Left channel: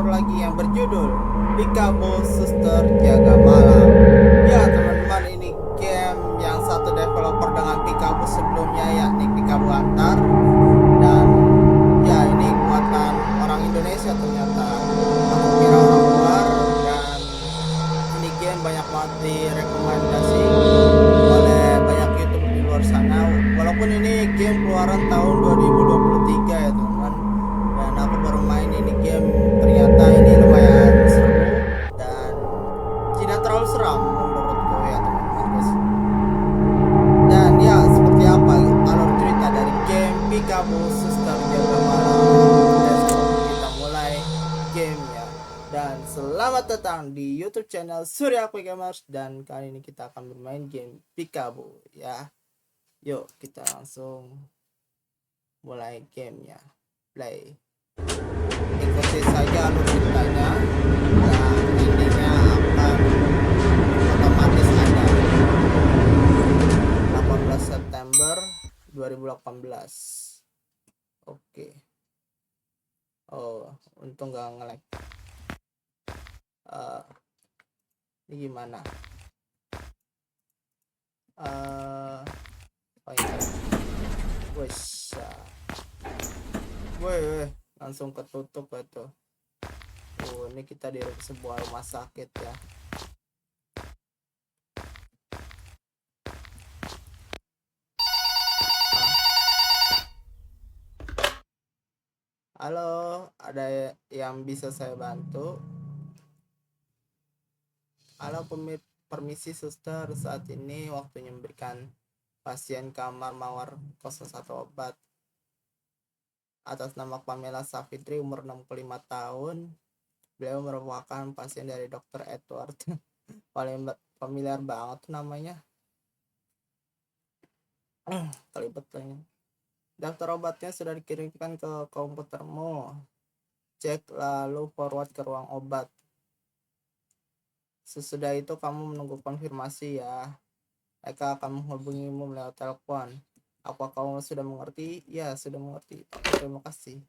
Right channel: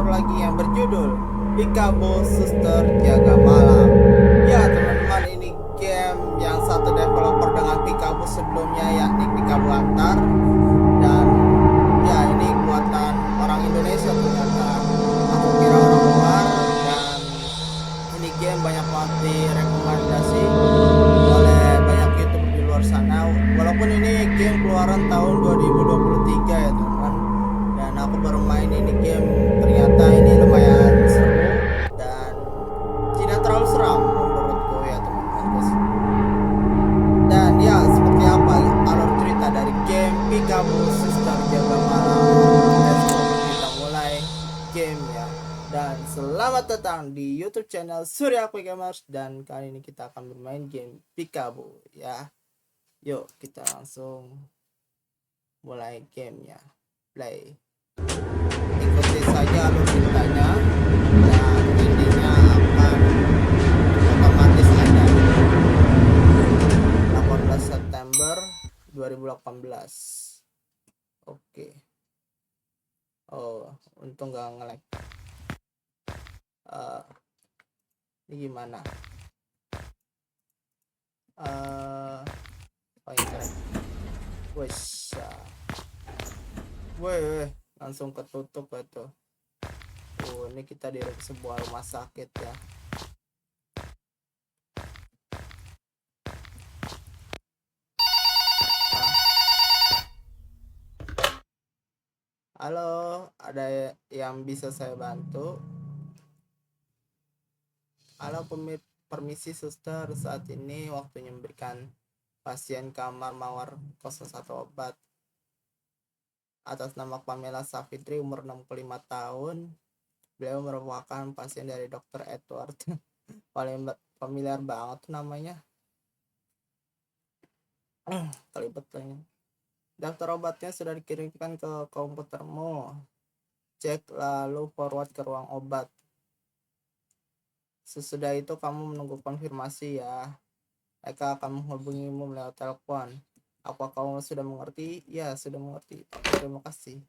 horor lagi yang berjudul Peekaboo Suster Jaga Malam. Ya teman-teman, ini game yang satu developer dengan Peekaboo sebelumnya, yakni Peekaboo Antar. Dan ya, ini buatan orang Indonesia ternyata. Aku kira orang luar. Dan ini game banyak banget direkomendasi oleh banyak YouTuber di luar sana. Walaupun ini game keluaran tahun 2023 ya teman-teman, dan aku baru main ini game, ternyata ini lumayan seru dan tidak terlalu seram menurutku ya teman-teman. Dan ya, seperti apa alur cerita dari game Peekaboo Suster Jaga Malam? Let's go, kita mulai game ya. Dan selamat datang di YouTube channel Surya Quick Gamers, dan kali ini kita akan bermain game Peekaboo ya. Yuk kita langsung mulai gamenya. Play. Ikuti saja alur ceritanya dan endingnya akan otomatis ada. 18 September 2018. Oke. Oh, untung gak nge-lag. Ini gimana? Oh internet. Wes. Weh, langsung ketutup itu. Oh, ini kita di sebuah rumah sakit ya. Halo, ada yang bisa saya bantu? Halo, permisi suster, saat ini waktunya memberikan pasien kamar mawar 01 obat. Atas nama Pamela Safitri, umur 65 tahun. Beliau merupakan pasien dari Dr. Edward. Paling familiar banget tuh namanya. Kelibet lagi. Daftar obatnya sudah dikirimkan ke komputermu. Cek lalu forward ke ruang obat. Sesudah itu kamu menunggu konfirmasi ya. Mereka akan menghubungimu lewat telepon. Apa kamu sudah mengerti? Ya, sudah mengerti. Oke, terima kasih.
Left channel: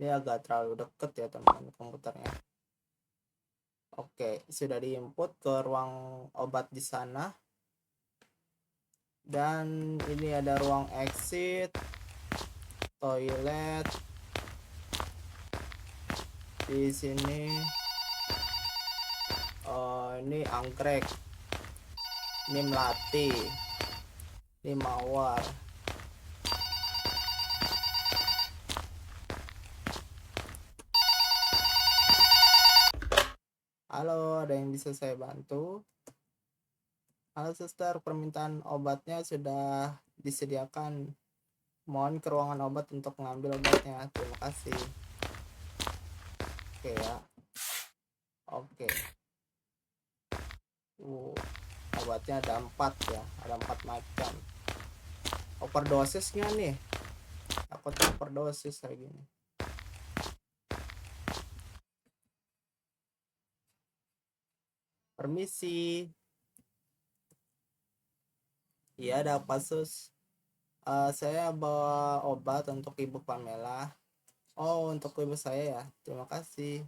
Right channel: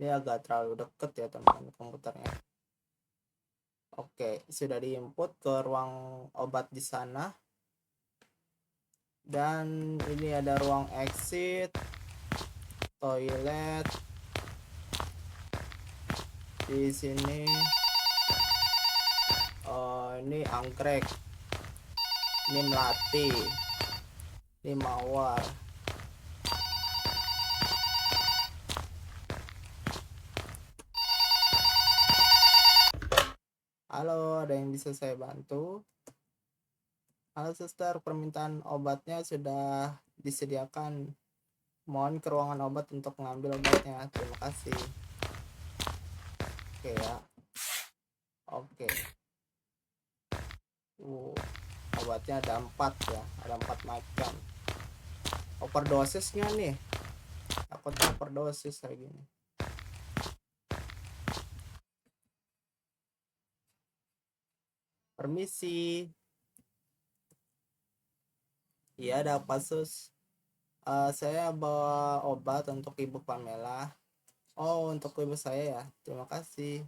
Ini agak terlalu deket ya teman-teman komputernya. Oke, sudah diinput ke ruang obat di sana. Dan ini ada ruang exit, toilet. Di sini ini anggrek, ini melati, ini mawar. Halo, ada yang bisa saya bantu? Halo suster, permintaan obatnya sudah disediakan. Mohon ke ruangan obat untuk mengambil obatnya. Terima kasih. Oke ya. Oke. Obatnya ada 4 ya, ada 4 macam. Overdosisnya nih, takutnya overdosis kayak gini. Permisi. Iya, ada apa sus? Saya bawa obat untuk ibu Pamela. Oh, untuk ibu saya ya, terima kasih.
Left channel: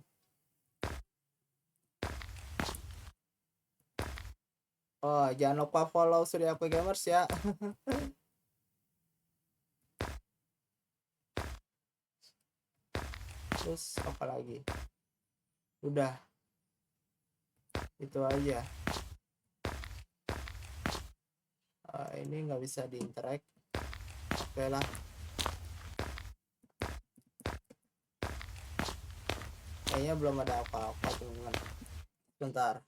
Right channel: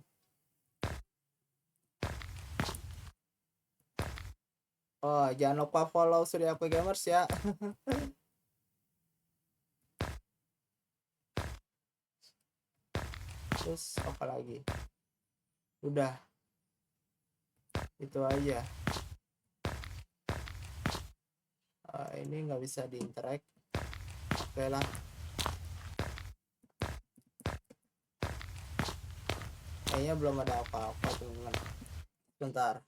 Oh, jangan lupa follow Surya Quick Gamers ya. Terus apa lagi? Udah, itu aja. Ini nggak bisa diinteract. Oke lah. Kayaknya belum ada apa-apa teman-teman. Bentar.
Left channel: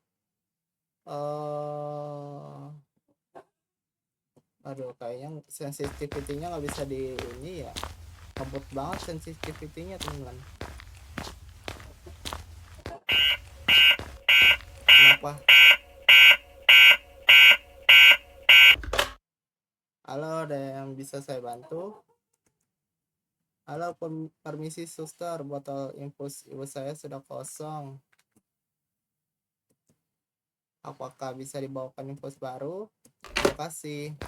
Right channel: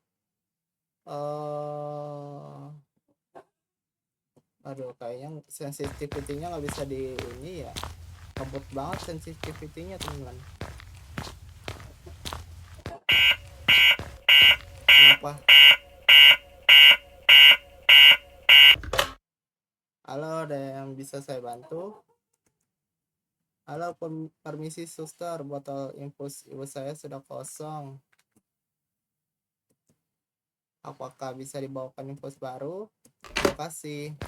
Aduh, kayaknya sensitivity-nya nggak bisa di ini ya. Ngebut banget sensitivity-nya teman-teman. Kenapa? Halo, ada yang bisa saya bantu? Halo, permisi suster, botol infus ibu saya sudah kosong. Apakah bisa dibawakan infus baru? Terima kasih.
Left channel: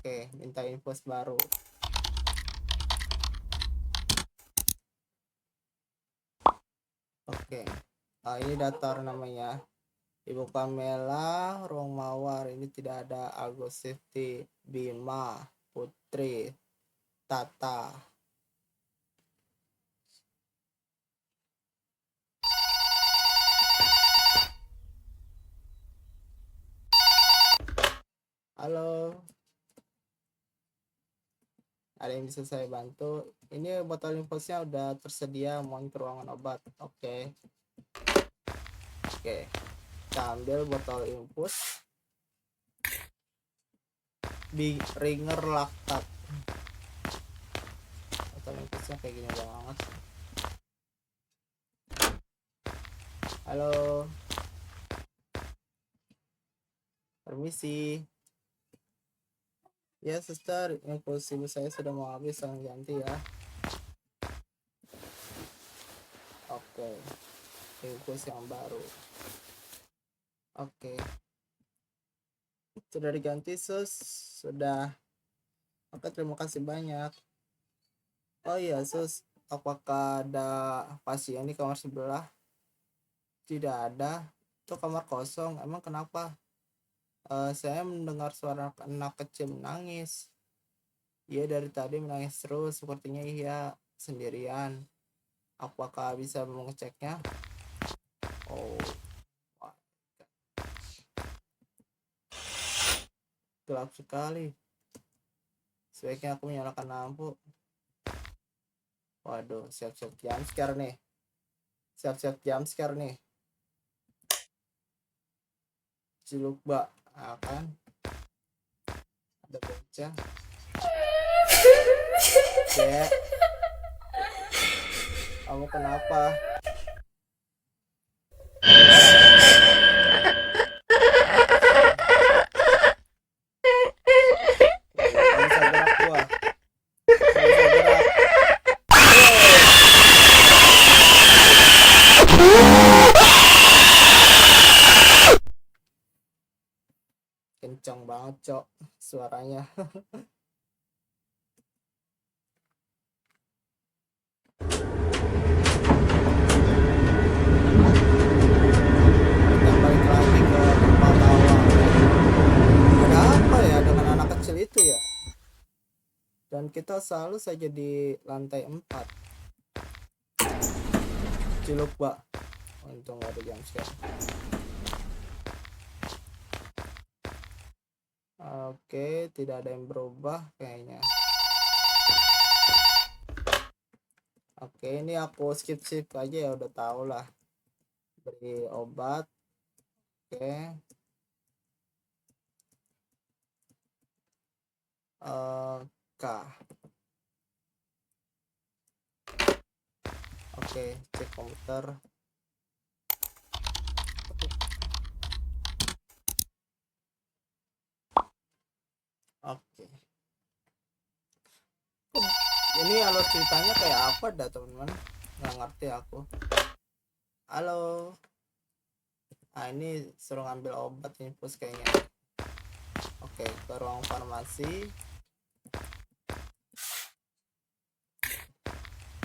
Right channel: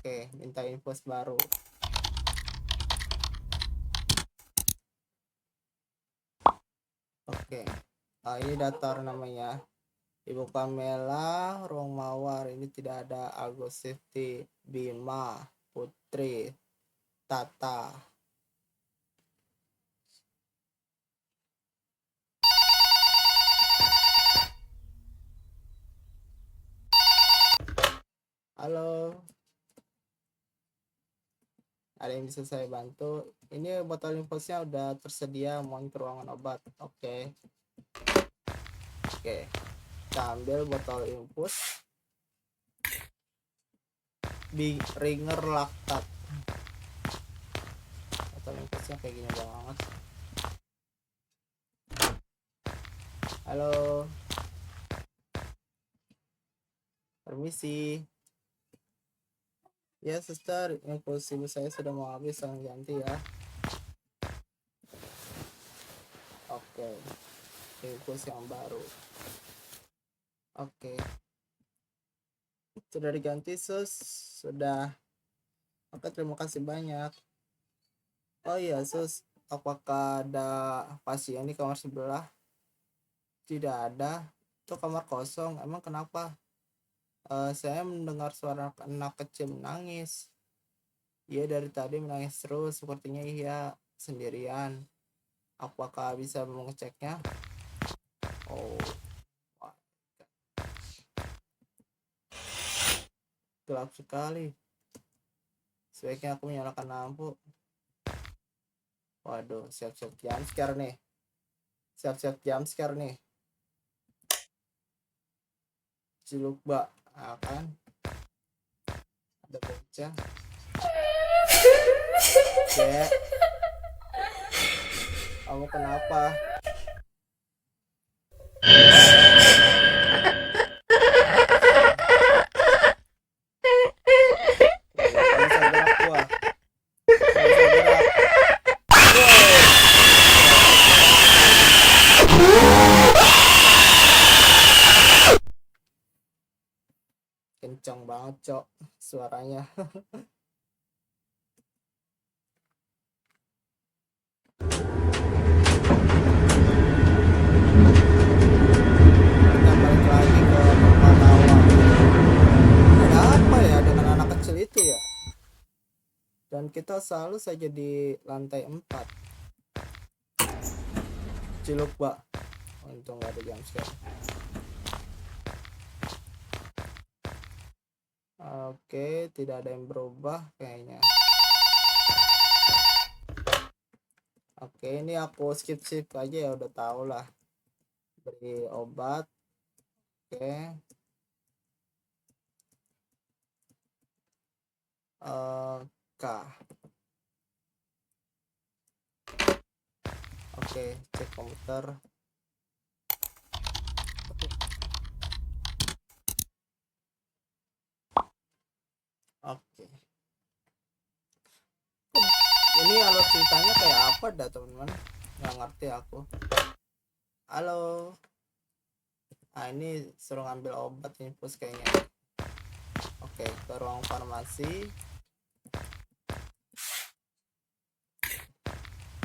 Oke, minta infus baru. Oke, ini datar namanya. Ibu Pamela, ruang mawar. Ini tidak ada Agus Safety, Bima, Putri, Tata. Halo, ada yang bisa saya bantu? Ini botol infusnya udah tersedia, mohon ke ruangan obat. Oke, kita ambil botol infus Ringer Laktat. Botol infusnya kayak gini banget. Halo, permisi. Ya suster, infus ibu saya sudah mau habis, tolong ganti ya. Oke, infus yang baru. Oke, sudah diganti sus, sudah. Oke, terima kasih banyak. Oh iya sus, apakah ada pasien di kamar sebelah? Tidak ada, itu kamar kosong. Emang kenapa? Saya mendengar suara anak kecil menangis. Iya, dari tadi menangis terus, sepertinya iya sendirian. Apakah bisa mengeceknya? Oh, gelap sekali. Sebaiknya aku menyalakan lampu. Waduh, siap-siap jam scare nih. Siap-siap jam scare nih. Ciluk bak, kan? Ada bocah. Dek, kamu kenapa? Gak bisa gerak gua. Gak bisa gerak. Kencang banget cok suaranya. Kita balik lagi ke tempat awal. Ada apa ya dengan anak kecil itu ya? Dan kita selalu saja di lantai 4. Ciluk bak. Untung gak ada jam scare. Oke, tidak ada yang berubah kayaknya. Oke, ini aku skip aja ya, udah tau lah. Beri obat. Oke. K. Oke, cek komputer. Oke. Ini alur ceritanya kayak apa dah teman-teman? Nggak ngerti aku. Halo. Nah, ini suruh ngambil obat infus kayaknya. Oke, ke ruang farmasi.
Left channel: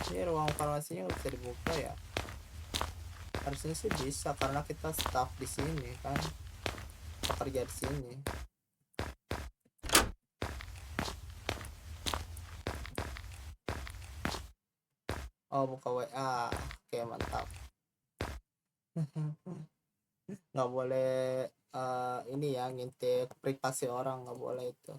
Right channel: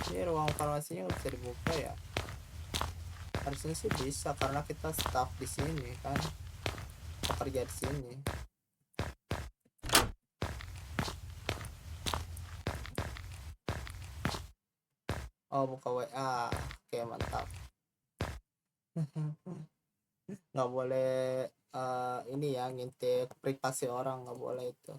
Ini ruang farmasinya bisa dibuka ya? Harusnya sih bisa karena kita staff di sini kan, pekerja di sini. Oh, buka WA. Oke, mantap. Nggak boleh ini ya, ngintip privasi orang, nggak boleh itu.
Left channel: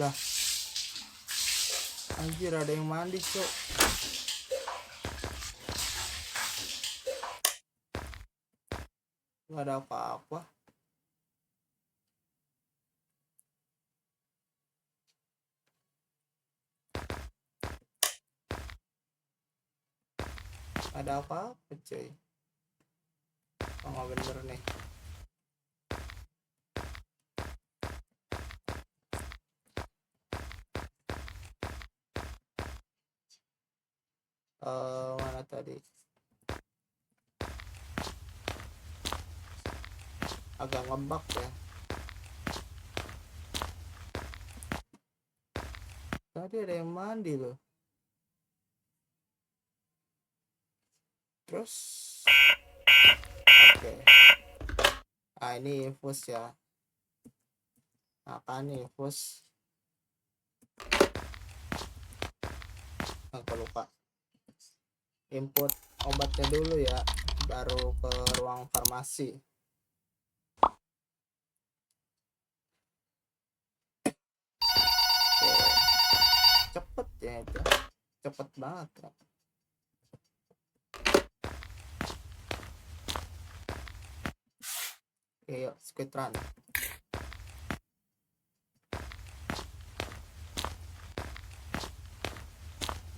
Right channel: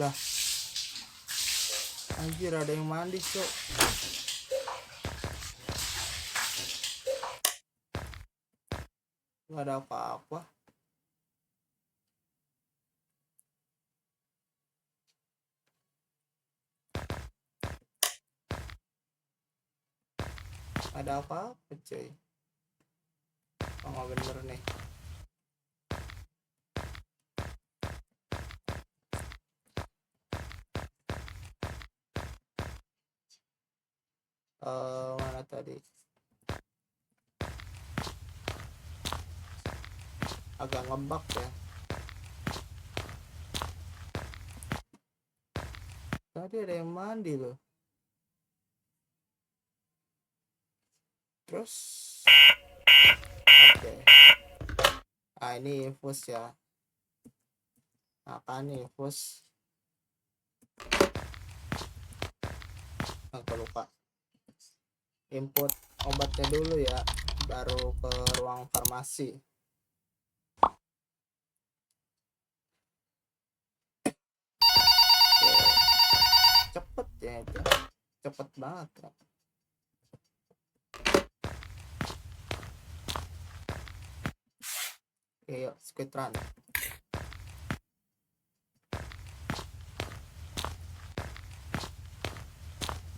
Lah, anjir, ada yang mandi cok. Nggak ada apa-apa. Ada apa-apa cuy. Oh, nggak bener nih. Mana tadi? agak ngebug ya. Tadi ada yang mandi loh. Terus oke. Ah, ini infus ya. Apa nih infus? Aku lupa. Input obatnya dulu ya, baru ke ruang farmasi. Oke. Cepet ya itu, cepet banget ya. Oke, yuk speedrun.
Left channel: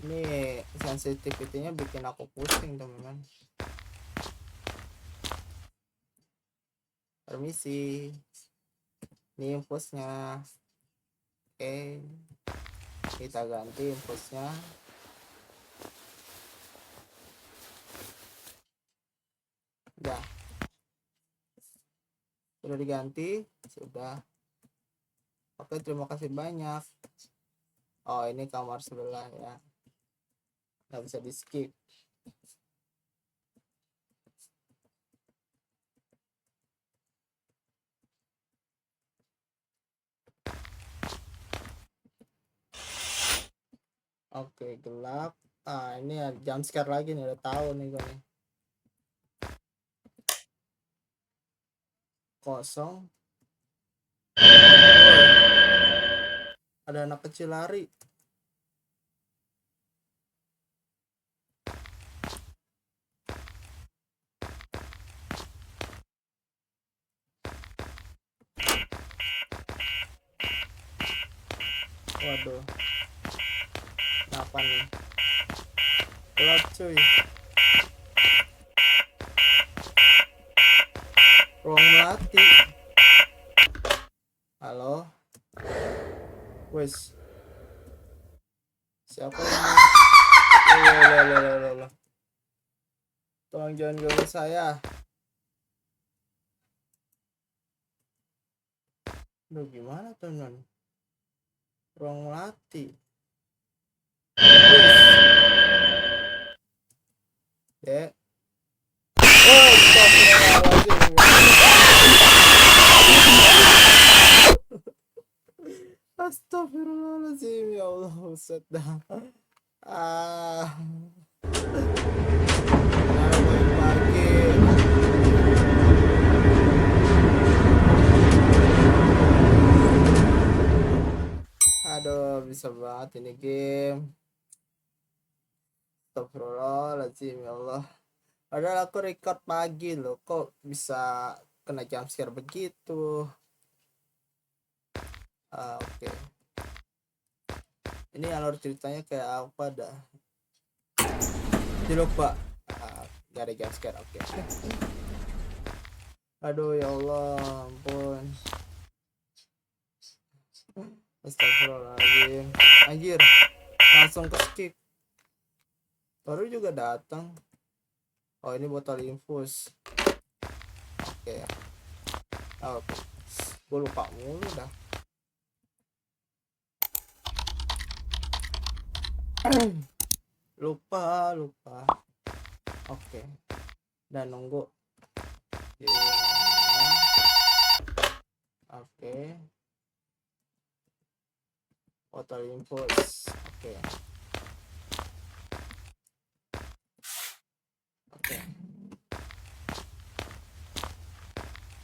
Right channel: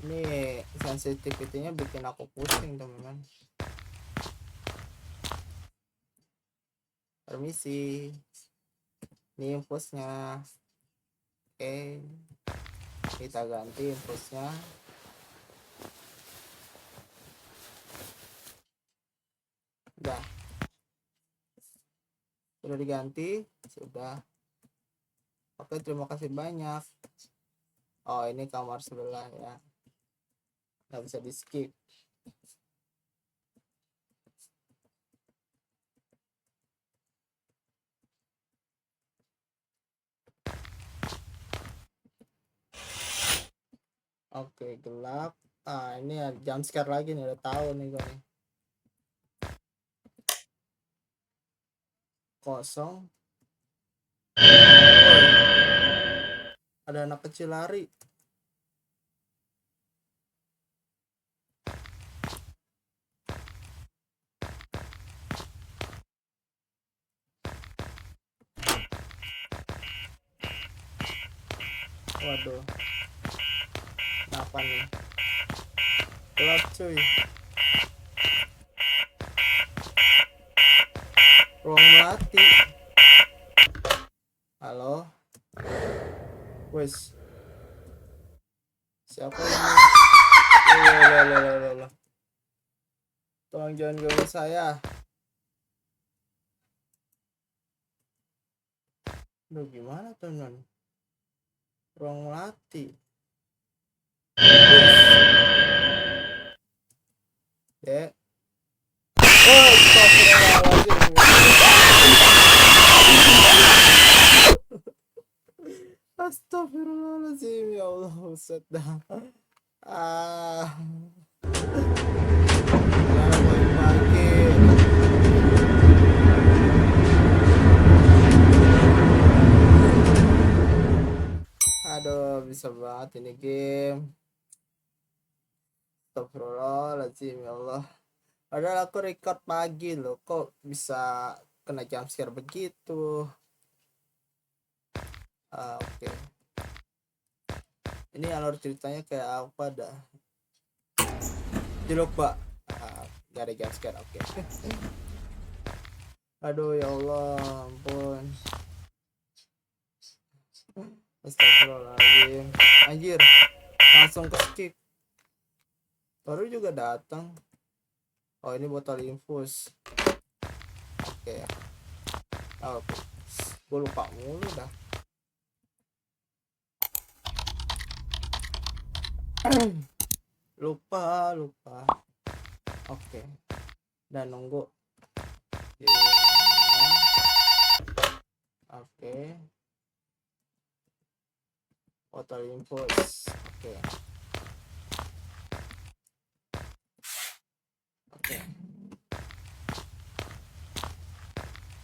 Ini sensitivity-nya bikin aku pusing teman-teman. Permisi, ini infusnya. Oke, kita ganti infusnya. Udah, sudah diganti, sudah. Oke, terima kasih banyak. Oh, ini kamar sebelah ya, nggak bisa di skip. Oke, gelap. Ah, ini jam scare lagi nih, udah tahu nih gue nih. Kosong. Woy, ada anak kecil lari. Waduh, kenapa nih? Gelap cuy. Ruang melati. Halo, wes, siapa ini? Loh. Tolong jangan ganggu saya. Duh, gimana teman? Ruang melati. Wes, dek. Oh, astagfirullahaladzim. Astagfirullahaladzim, ya Allah, Ustaz dah. Ah, kenapa pagi-pagi? Aduh, bisa banget ini game. Astagfirullahaladzim, ya Allah. Padahal aku record pagi loh, kok bisa kena jump scare begitu? Oke. Ini alur ceritanya kayak apa dah? Lupa. Gak ada jump scare, oke. Aduh, ya Allah, ampun. Astagfirullahaladzim. Anjir, langsung ke skip. Baru juga datang. Oh, ini botol infus. Oke. Oke. Gue lupa mulu dah. lupa. Oke. Dan nunggu. Oke. Botol infus. Oke.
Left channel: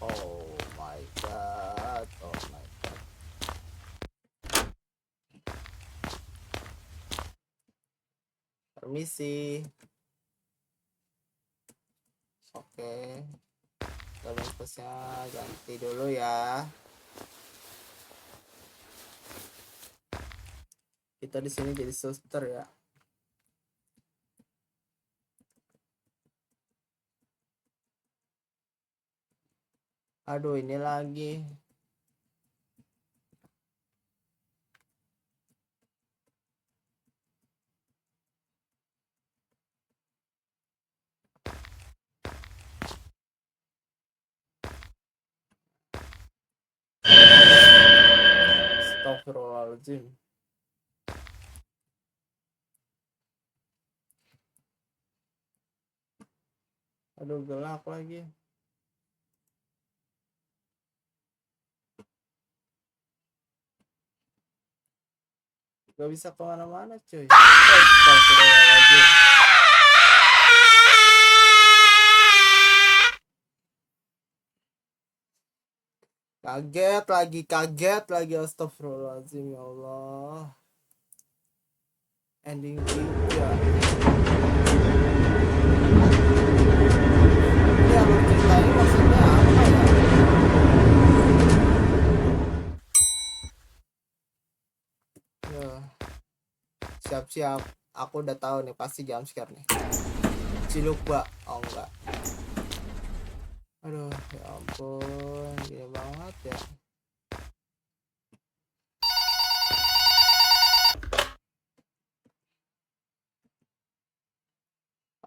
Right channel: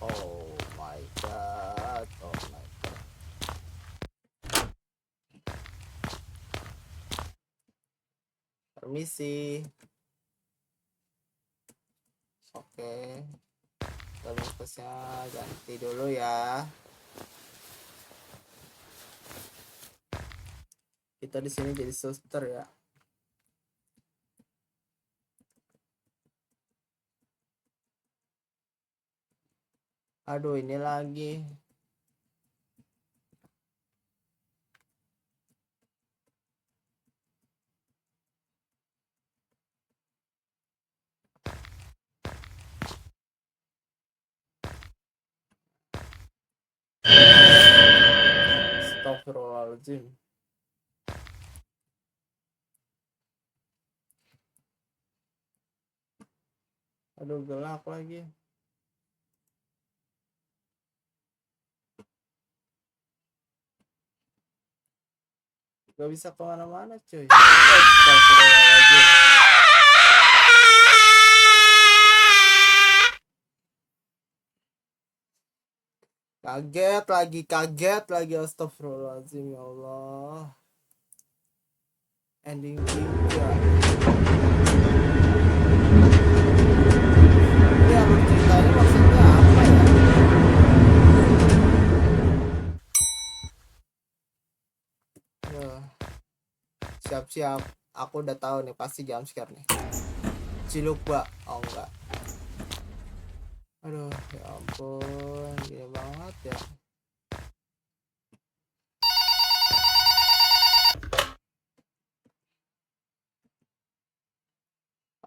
Oh my god. Permisi. Oke. Botol infusnya ganti dulu ya. Kita di sini jadi suster ya. Aduh, ini lagi. Astagfirullahaladzim. Aduh, gelap lagi. Gak bisa kemana-mana cuy. Astagfirullahaladzim. Kaget lagi astagfirullahaladzim, ya Allah. Ending 3. Ini alur ceritanya maksudnya apa ya? Siap-siap, aku udah tahu nih pasti jam scare nih. Cilukba, oh enggak. Aduh, ya ampun, gini banget ya.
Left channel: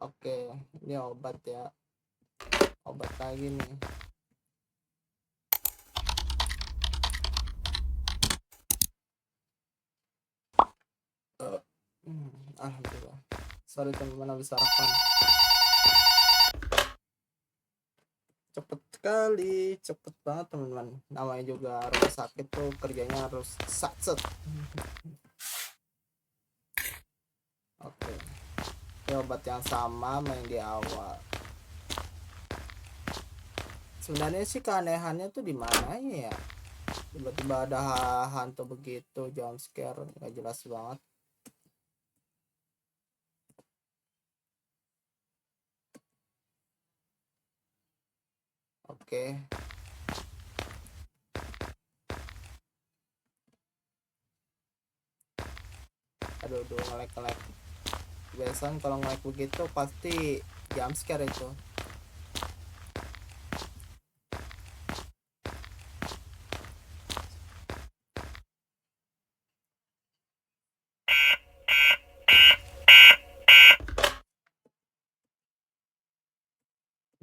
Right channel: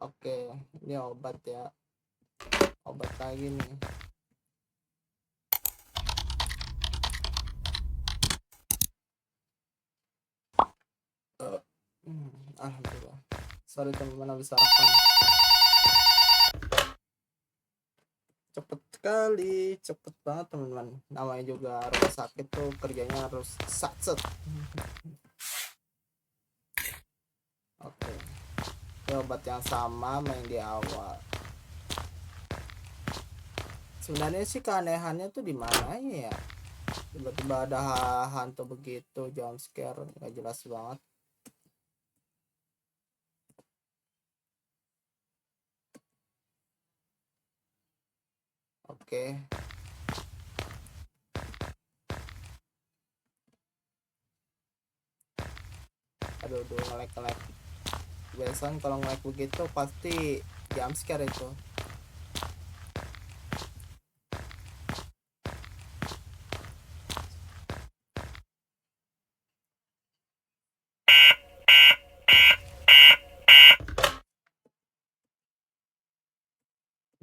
Oke, ini obat ya. Obat lagi nih. Alhamdulillah. Sorry teman-teman, habis sarapan. Cepet sekali, cepet banget teman-teman. Namanya juga rumah sakit tuh kerjanya harus satset. Oke. Ini obat yang sama main di awal. Sebenarnya sih keanehannya tuh di mananya ya? Tiba-tiba ada hantu begitu, jump scare, nggak jelas banget. Oke. Aduh, ngelek. Biasanya kalau ngelek begitu pasti jump scare itu.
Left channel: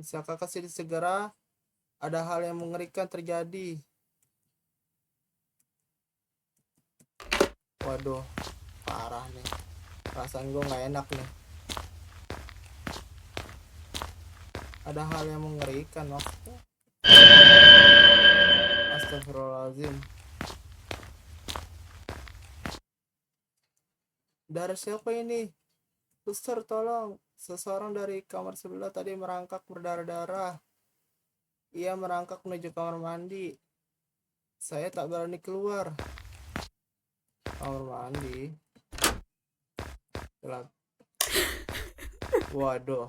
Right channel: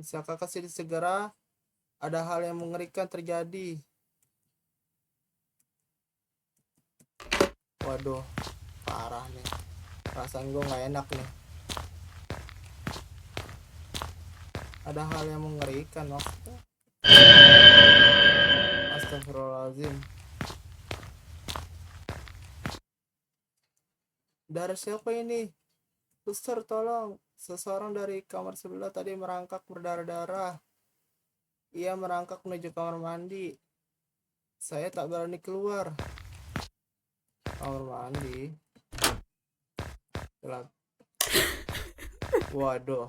Bisakah kasih segera? Ada hal yang mengerikan terjadi. Waduh, parah nih. Perasaan gue nggak enak nih. Ada hal yang mengerikan maksudnya. Astagfirullahaladzim. Darah siapa ini? Suster, tolong. Seseorang dari kamar sebelah tadi merangkak berdarah-darah. Ia merangkak menuju kamar mandi. Saya tak berani keluar. Kamar mandi. Gelap. Waduh.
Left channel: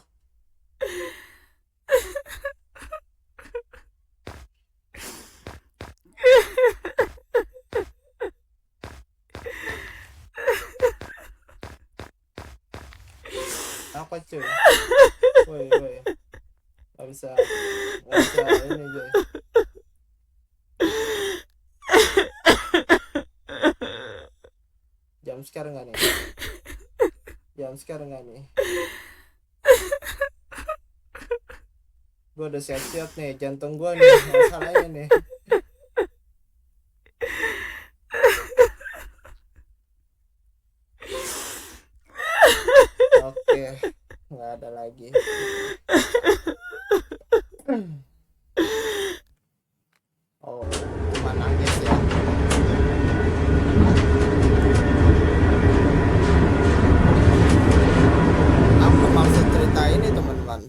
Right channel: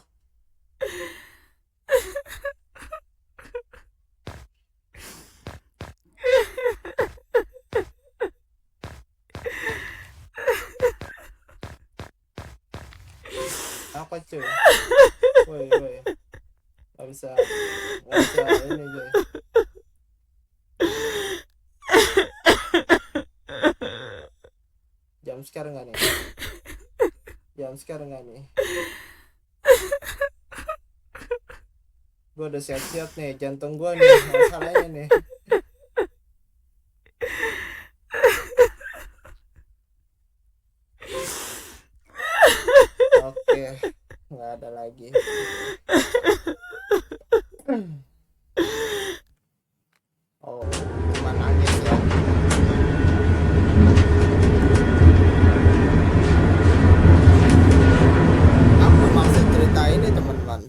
Apa cuy? Woi. Gak bisa ini cuy. Jam scare nggak nih? Gue udah siap-siap nih, jantung gue nih masalahnya nih. Oke, nggak ada lagi. Oh, cuma nangis ya. Apa maksud cerita ini teman-teman?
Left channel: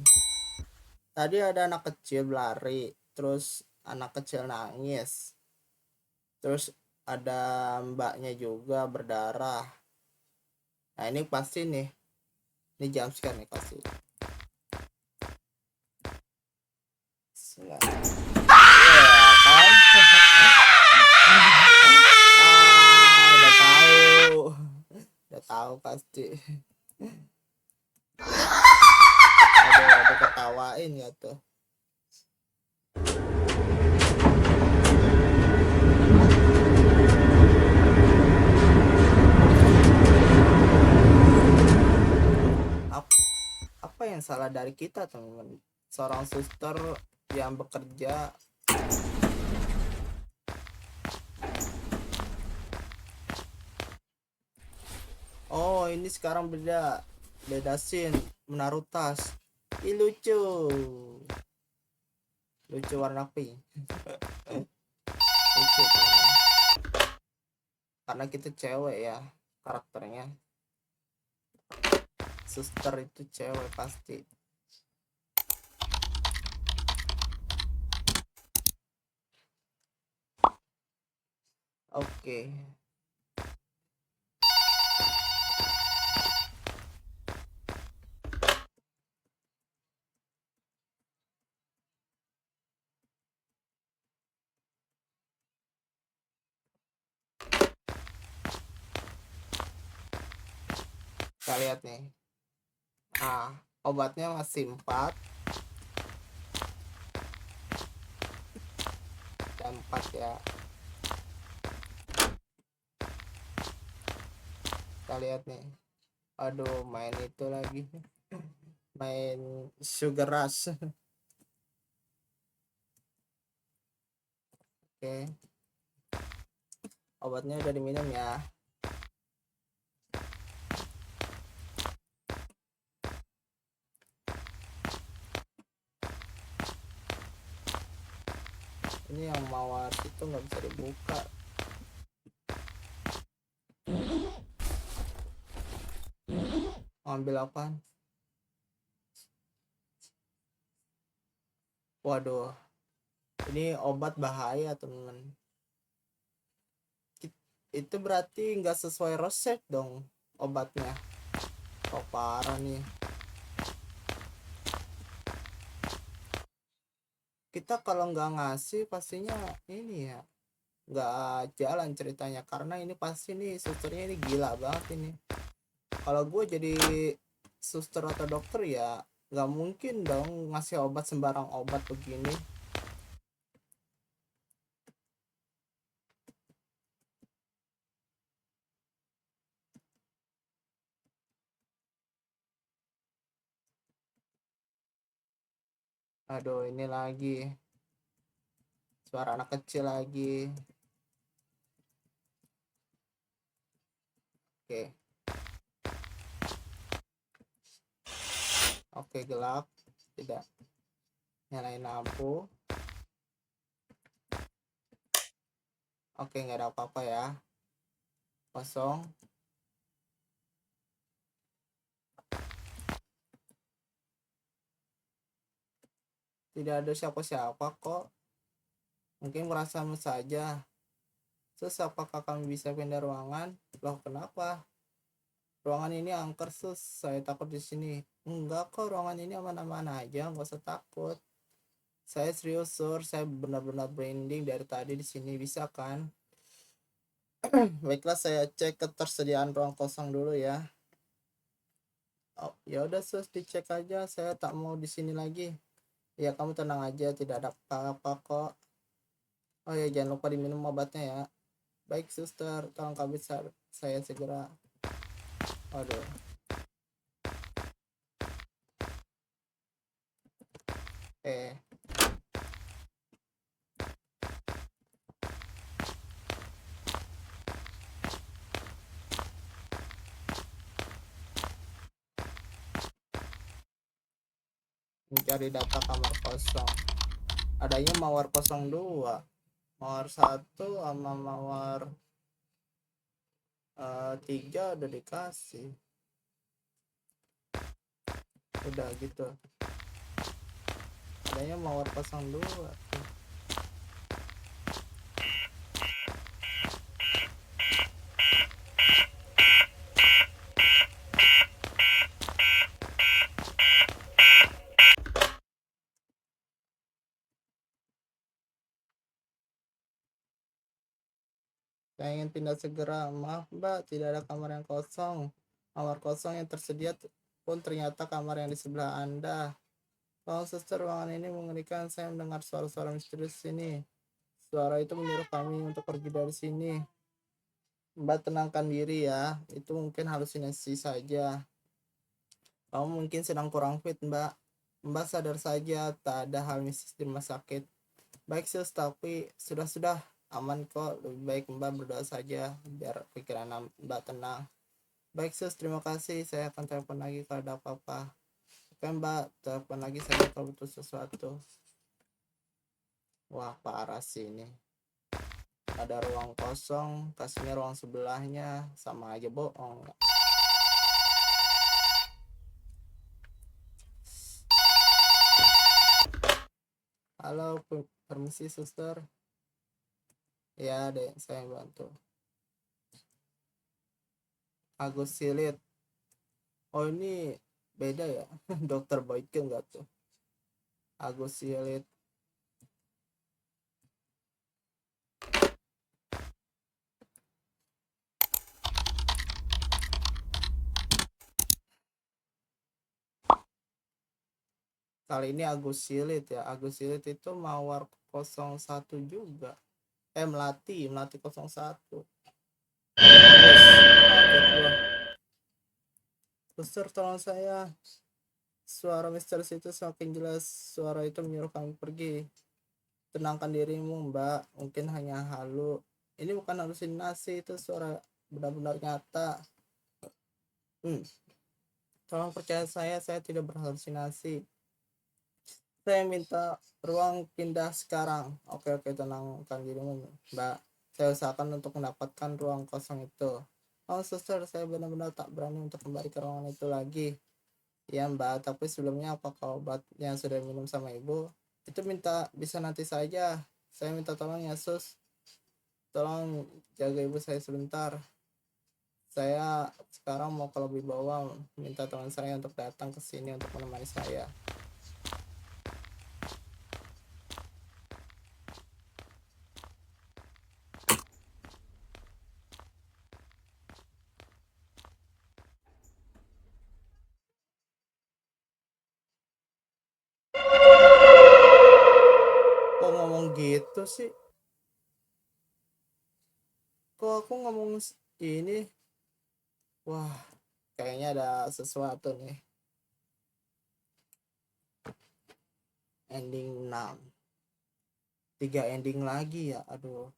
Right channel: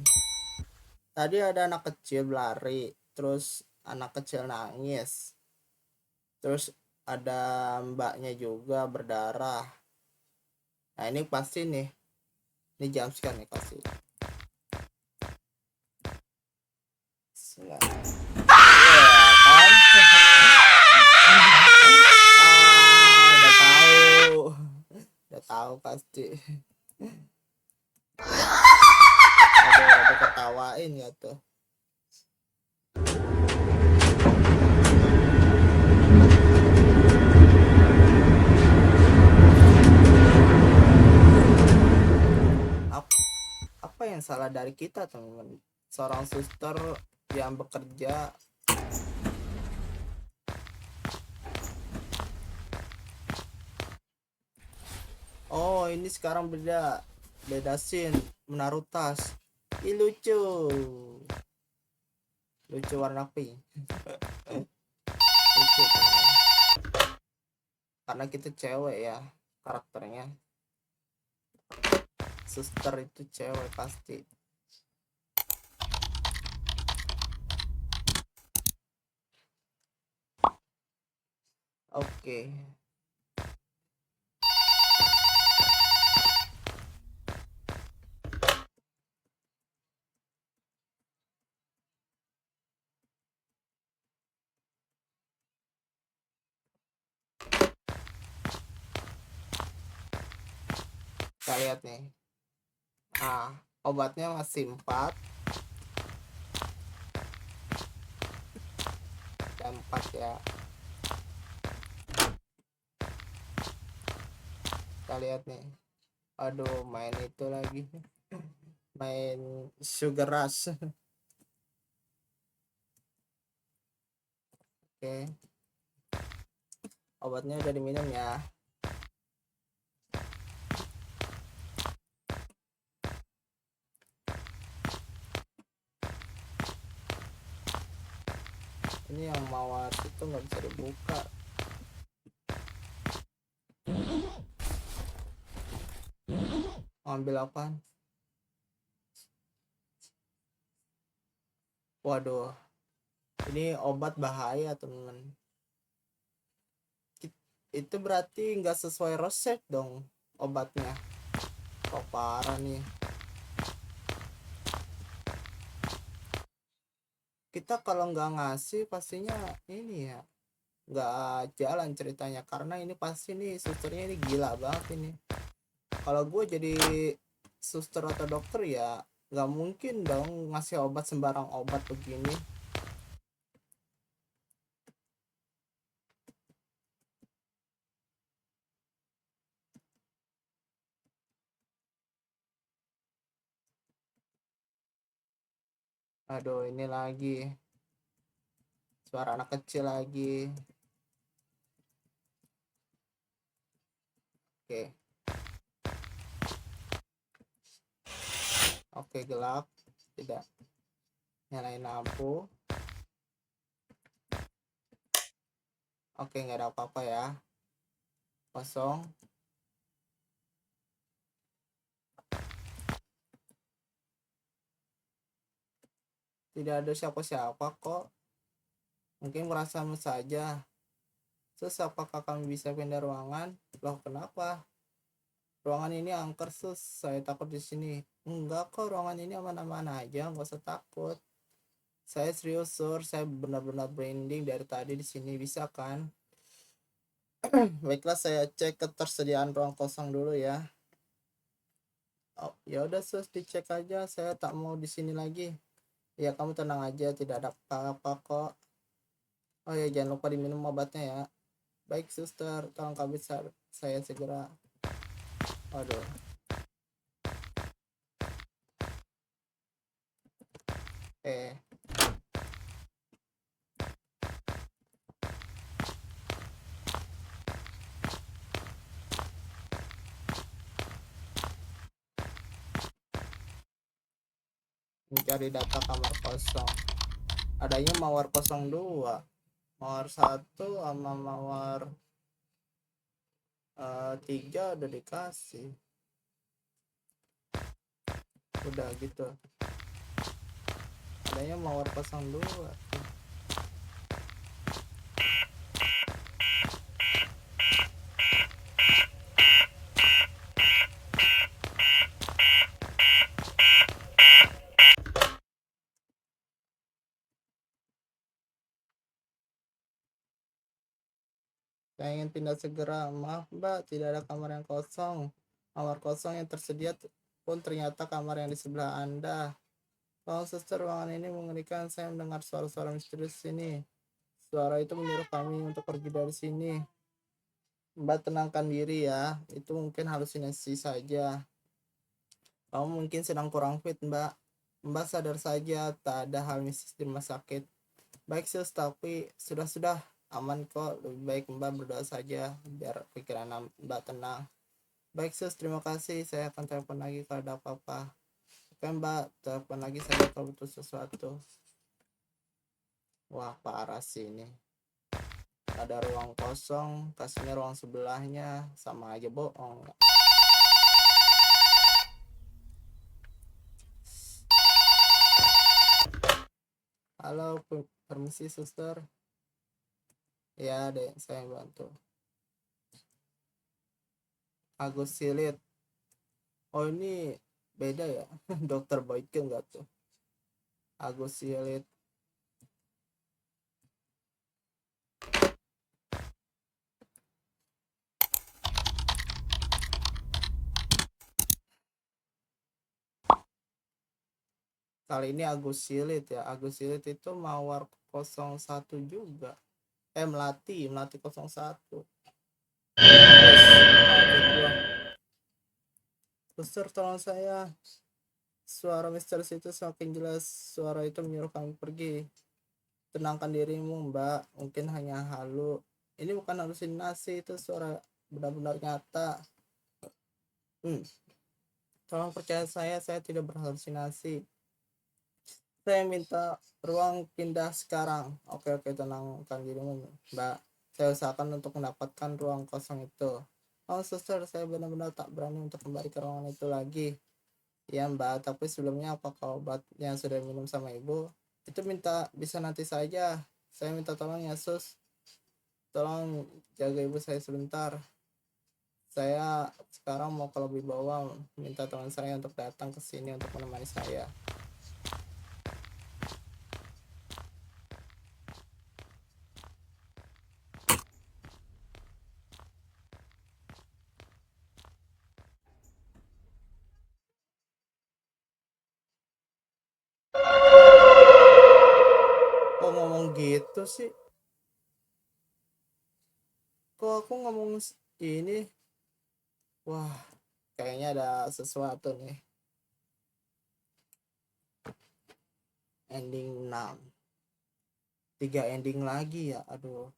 Tadi ada anak kecil lari, terus anak kecil nangis, terus ada mbaknya juga berdarah. Nah ini pasti nih, ini jumpscare nih pasti. Ya kan? Udah tahu pasti. Ada ketawain ya tuh. Apa yang salah dari kita teman-teman? Seorang suster yang bekerja Oh, ini sekarang beda scene, menaruh tas. Ih, lucu. Lucu warna pink. Lucu teman. Karena kita cewek ya karakternya. Suster itu cewek pasti. Oke. Kita lihat nih. Obatnya masih 4 dan 4 ya. Kita lihat nih. Aduh, main itu lagi. Main Sugar Rush. Oke. Obatnya udah diminum ya. Ini yang mawar itu nggak bisa dibuka. Ambil apaan? Waduh, ini obat bahaya temen. Itu berarti nggak sesuai resep dong obatnya. Oh, parah nih. Kita kalau nggak ngasih pastinya ini ya nggak jalan ceritanya, karena ini pasti nih susternya ini gila banget ini. Kalau gue jadi suster atau dokter ya nggak mungkin dong ngasih obat sembarang obat begini. Aduh, ini lagi suara anak kecil lagi. Oke. Oke, gelap. Tidak. Nyalain lampu. Oke, nggak ada apa-apa ya. Kosong. Tidak ada siapa-siapa kok. Mungkin merasamu saja. Sus, apakah kami bisa pindah ruangan? Loh, kenapa? Ruangan ini angker, sus. Saya takut di sini. Enggak kok, ruangan ini aman-aman aja. Nggak usah takut. Saya serius, sur. Saya benar-benar branding dari tadi di sini. Bisa kan? Baiklah, saya cek ketersediaan ruang kosong dulu ya. Oh, ya udah, sus, dicek aja. Saya tak mau di sini lagi. Ya, kamu tenang aja. Tidak ada apa-apa kok. Oh ya, jangan lupa diminum obatnya ya. Baik, suster. Tolong kamu saya segera. Waduh. Eh, mencari data kamar kosong. Adanya mawar 02, mawar 1 sama mawar 3 udah dikasih. Udah gitu. Adanya mawar 02. Saya ingin pindah segera. Maaf mbak, tidak ada kamar yang kosong. Kamar kosong yang tersedia pun ternyata kamar yang di sebelah Anda. Tolong suster, ruangan ini mengerikan. Saya mendengar suara-suara misterius sini. Suara itu menyuruh kami untuk pergi dari sini. Mbak tenangkan diri ya. Itu mungkin halusinasi saja. Kamu mungkin sedang kurang fit, mbak. Mbak sadar saja, tak ada hal mistis di rumah sakit. Baik sus, tapi sudah aman kok. Lebih baik mbak berdoa saja biar pikiran mbak tenang. Baik sus, terima kasih. Saya akan telepon lagi kalau ada apa-apa. Oke mbak, telepon lagi saja kalau butuh sesuatu. Wah parah sih ini. Ada ruang kosong, kasihnya ruang sebelahnya, sama aja bohong. Halo, permisi suster. Ya deh, saya bantu. Agus Silit. Oh ini beda ya, dokter Boyke enggak tuh? Agus Silit. Kali ini Agus Silit ya. Agus Silit itu Mawar 01 juga. Melati 01. Terus kaget gua. Suster tolong saya. Suara misterius itu semakin jelas. Suara itu menyuruh kami pergi. Tenangkan dirimu mbak, mungkin hanya halu. Ini bukan halusinasi, itu suara benar-benar nyata. Tolong percaya saya tidak berhalusinasi. Saya minta ruang pindah sekarang. Oke, tenangkan dirimu mbak. Saya usahakan untuk mendapatkan ruang kosong itu. Oh suster, saya benar-benar tak berani untuk kembali ke ruangan itu lagi. Ya mbak, tapi sebelumnya apakah obat yang sudah minum sama ibu? Itu bisa nanti saja. Saya minta tolong ya sus. Tolong jaga ibu saya sebentar. Saya sekarang mau ke lobi bawah, minta teman saya untuk datang ke sini untuk menemani saya. Kok ngomong gitu sih? Kok aku ngomong ini? Wah, kayaknya ada sesuatu nih. Ending 6. 3 ending lagi ya, aduh.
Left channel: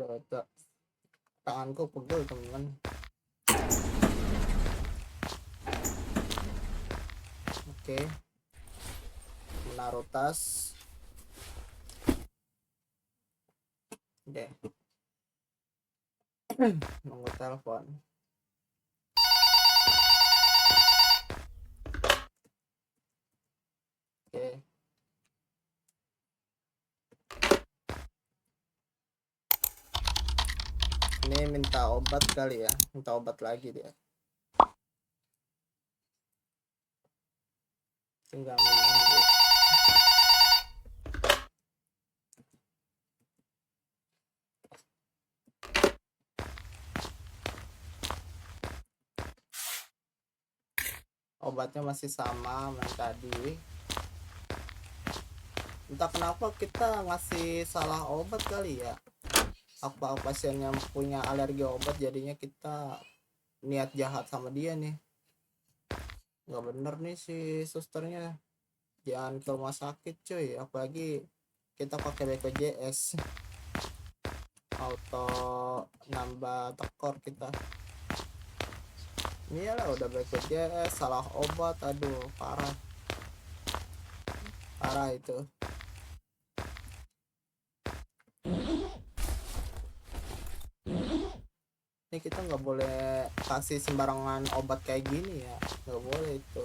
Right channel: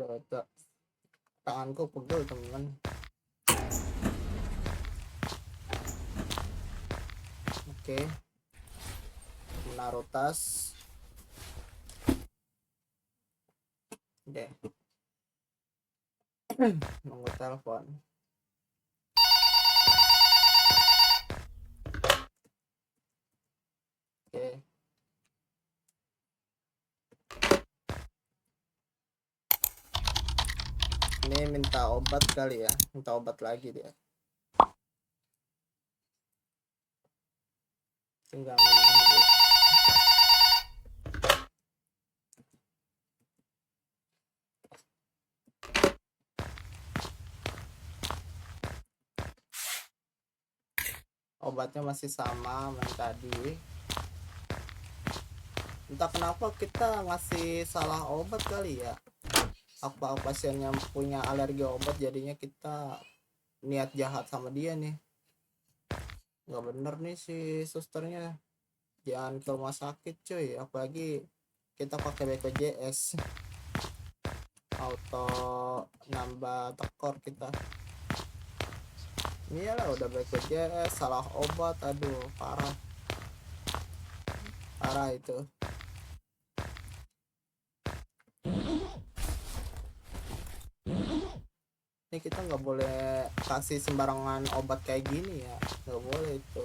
Aduh, tanganku pegel teman. Oke, menaruh tas. Deh, nunggu telepon. Oke, ini minta obat kali ya, minta obat lagi dia. Tinggal menunggu. Obatnya masih sama yang tadi. Entah kenapa kita ngasih salah obat kali ya. Apa pasien yang punya alergi obat, jadinya kita niat jahat sama dia nih. Nggak bener nih si susternya. Jangan ke rumah sakit cuy, apalagi kita pakai BPJS. Auto nambah tekor kita. Iyalah udah BPJS salah obat, aduh parah itu. Ini kita nggak boleh kasih sembarangan obat kayak gini ya, nggak boleh itu.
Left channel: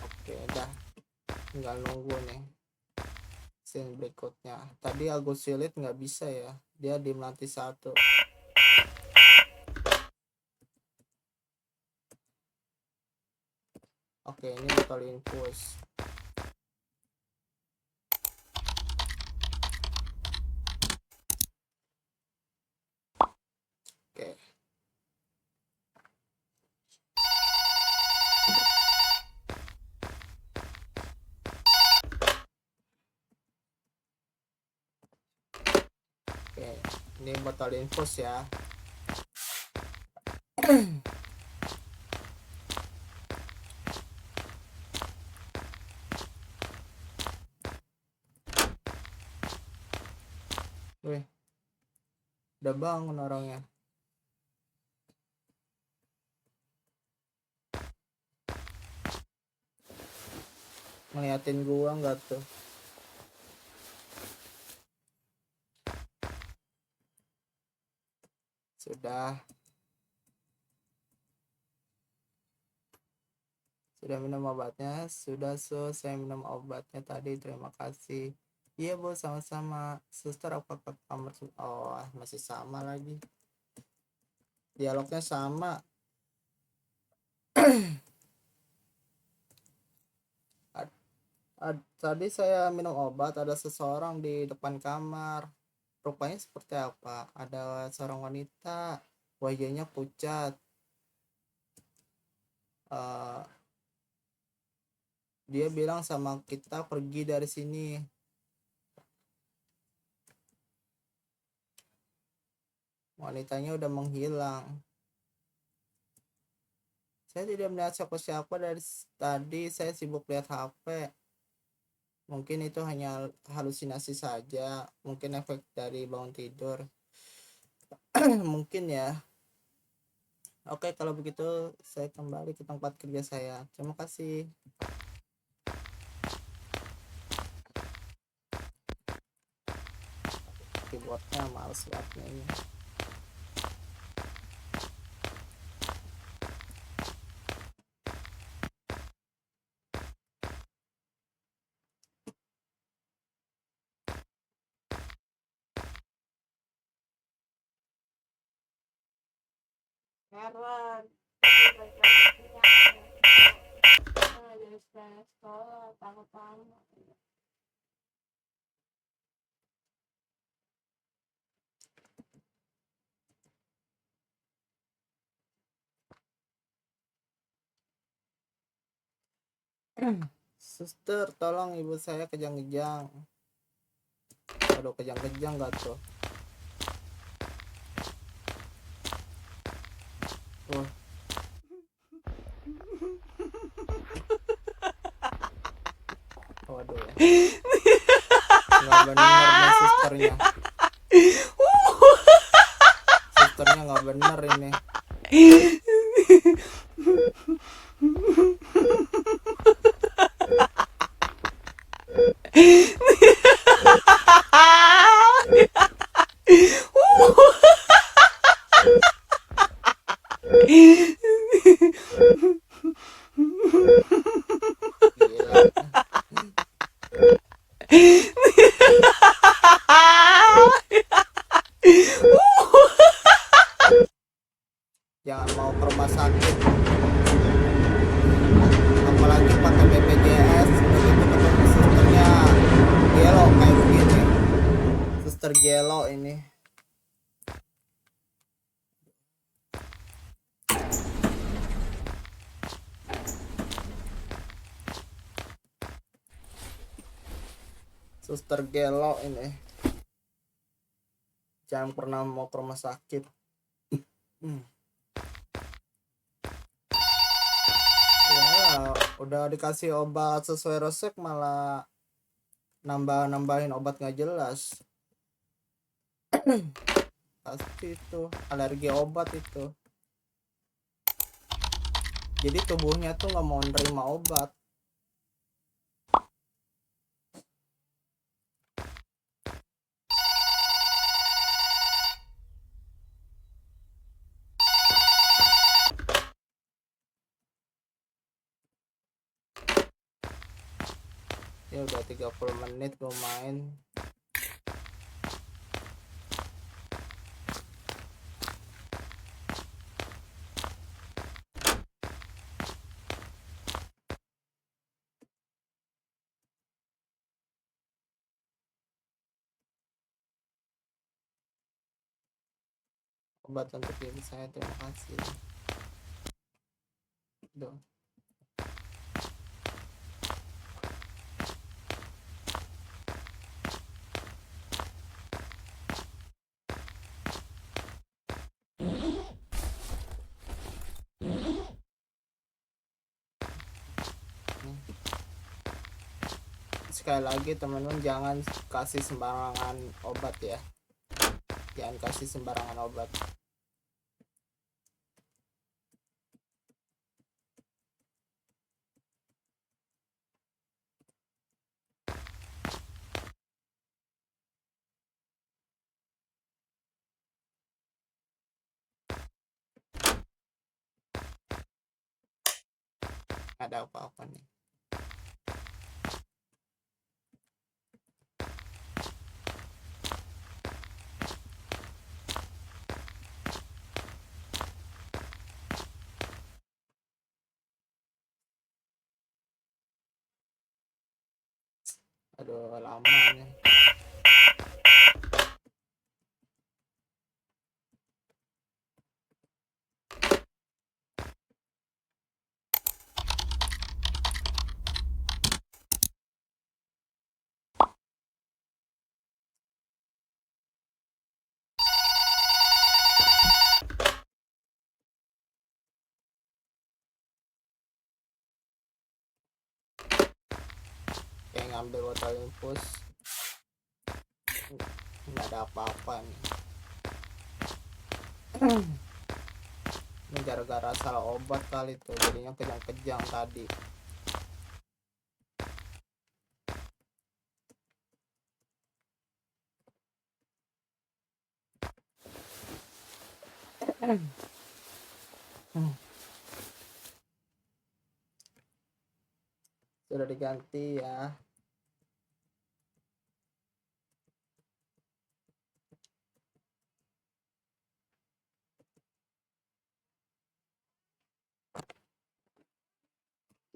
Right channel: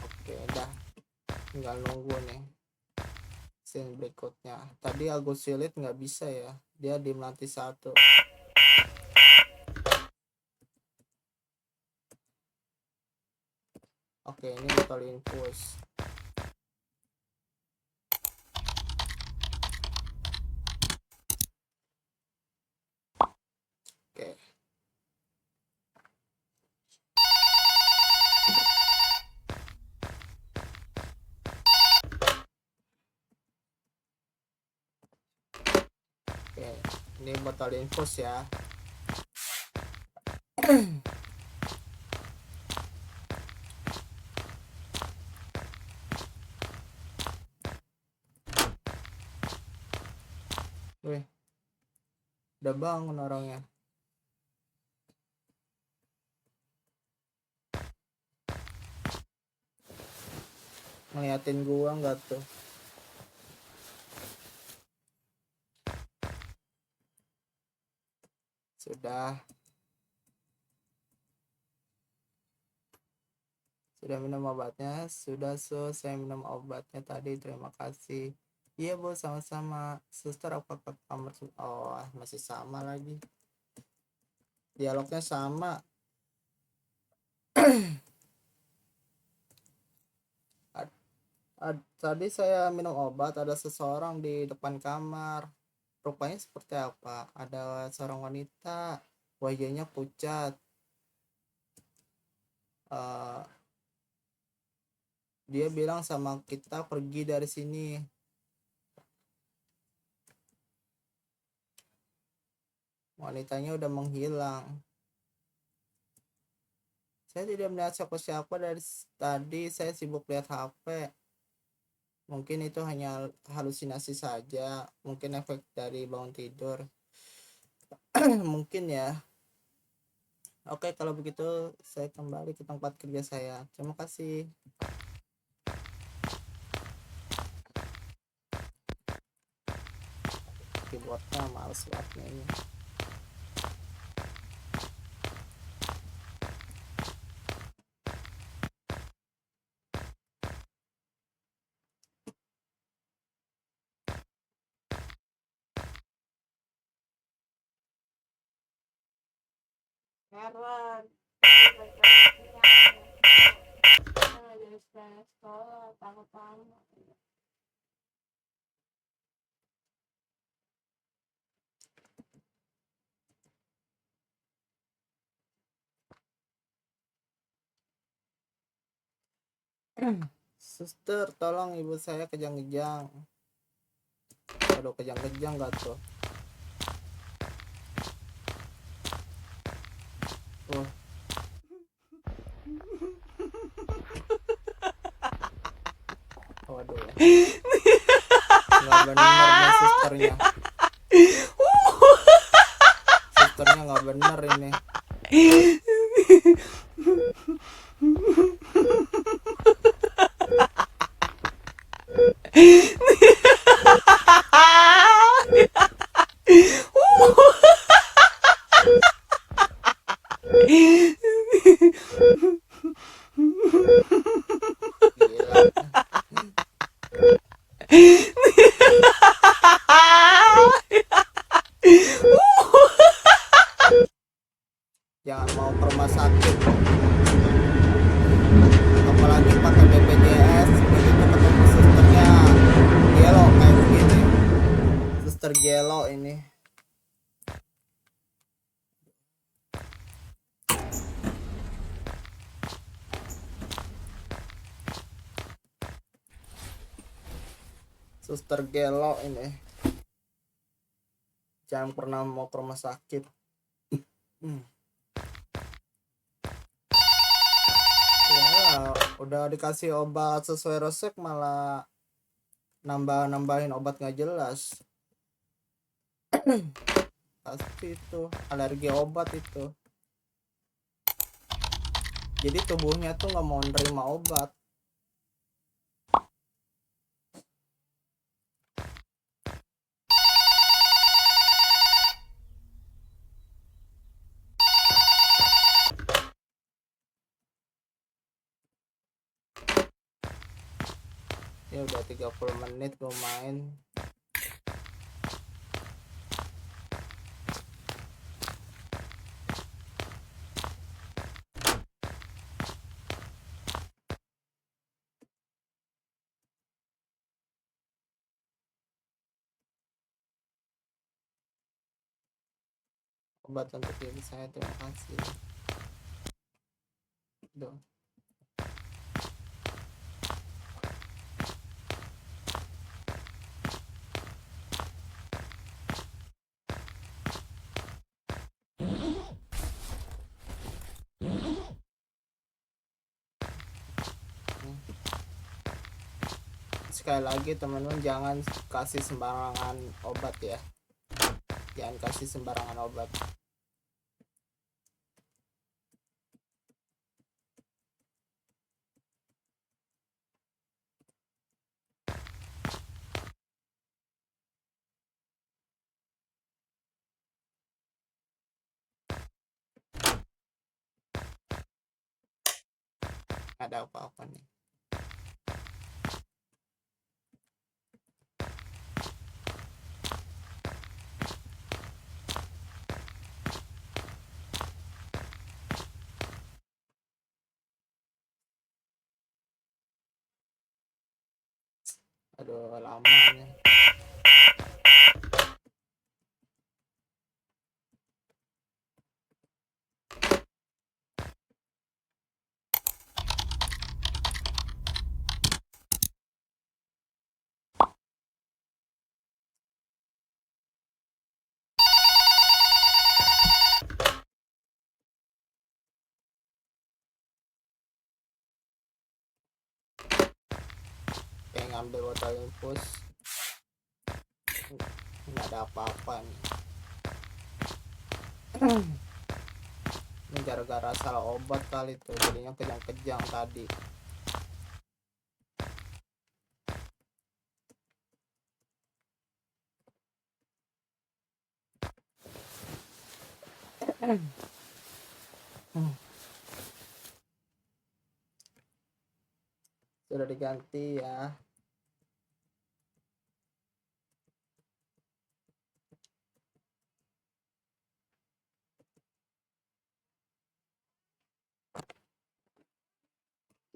Oke dah, tinggal nunggu nih scene berikutnya. Tadi Agus Silit nggak bisa ya, dia di Melati 1. Oke, ini bakal infus. Ini botol infus ya. Wih, udah bangun orangnya. Ngeliatin gua nggak tuh? Sudah minum obatnya? Sudah, saya minum obatnya tadi, terima kasih. Iya bos, sama-sama. Suster, apakah kamar? Oh, masih sama lagi. Dialognya sama. Tadi saya minum obat, ada seseorang di depan kamar. Rupanya seperti apa? Ada seorang wanita, wajahnya pucat. Dia bilang sama kita pergi dari sini. Wanitanya udah menghilang. Saya tidak melihat siapa-siapa dari tadi. Saya sibuk lihat HP. Mungkin itu hanya halusinasi saja. Mungkin efek dari bangun tidur. Mungkin ya. Oke, kalau begitu saya kembali ke tempat kerja saya. Terima kasih. Keyboardnya males banget ini. Heran dari sekolah tamu-tamu. Suster, tolong ibu saya kejang-kejang. Aduh, kejang-kejang gak tuh? Waduh, nggak bener nih susternya. Susternya nggak bener ini. Jangan mau ke rumah sakit, apalagi pakai BPJS. Udah gitu ketemu susternya gelo kayak begini. Suster gelo ini. Suster gelo ini. Jangan pernah mau ke rumah sakit. Ya, udah dikasih obat sesuai resep malah nambahin obat nggak jelas. Pasti itu alergi obat itu. Jadi tubuhnya tuh nggak mau nerima obat. Ya udah 30 menit gue main. Obat untuk diri saya, terima kasih. Duh. sekali lagi teman-teman, jangan kasih sembarangan obat ya, jangan kasih sembarangan obat. Ada apa-apa nih. Aduh, lama nih. Kayak ngambil botol infus, nggak ada apa-apa nih. Ini gara-gara salah obat kali tuh, jadinya kejang-kejang tadi. Sudah diganti ya.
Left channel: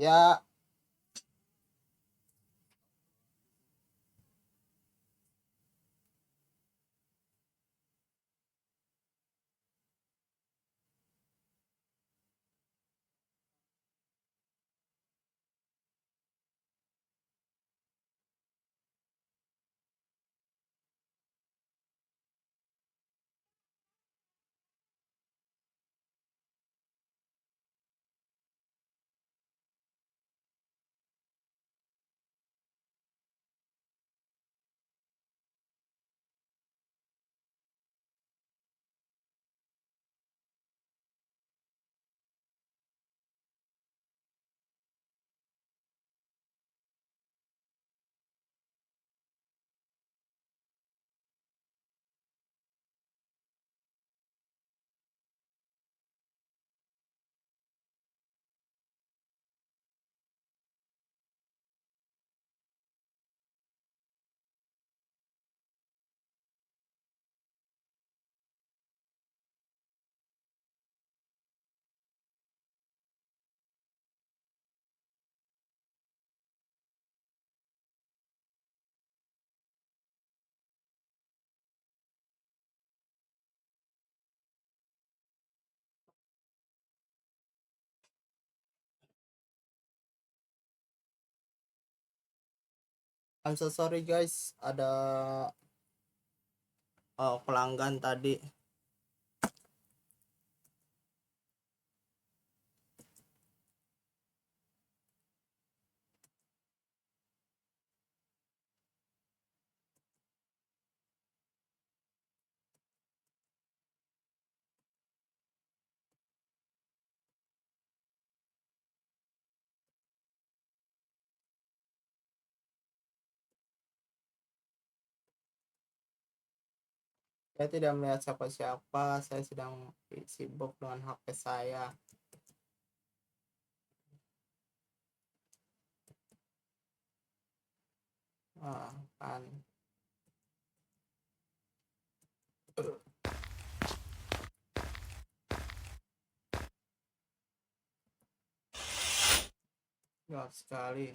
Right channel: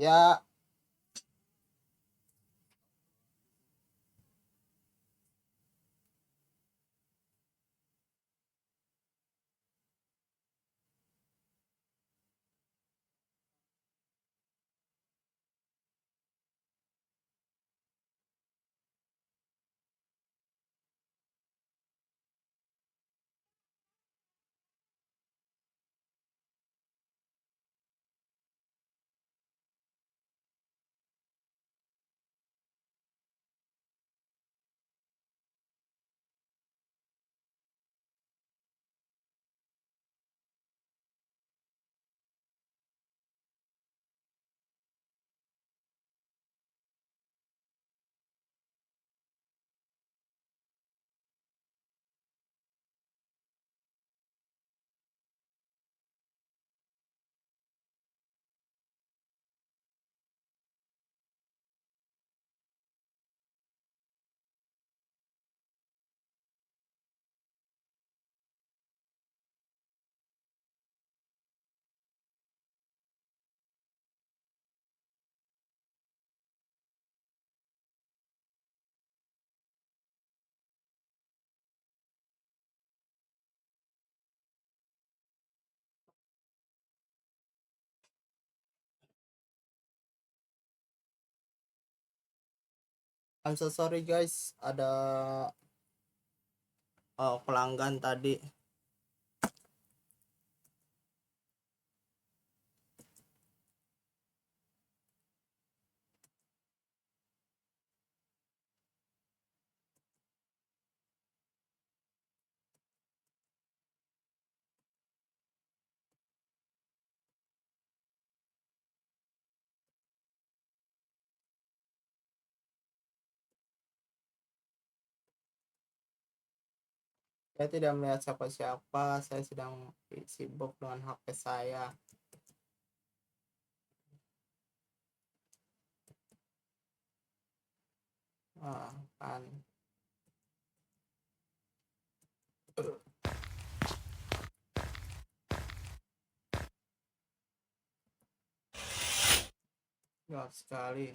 Ya, I'm so sorry guys, ada pelanggan tadi. Saya tidak melihat siapa-siapa, saya sedang sibuk dengan HP saya. Kan. Gelap sekali.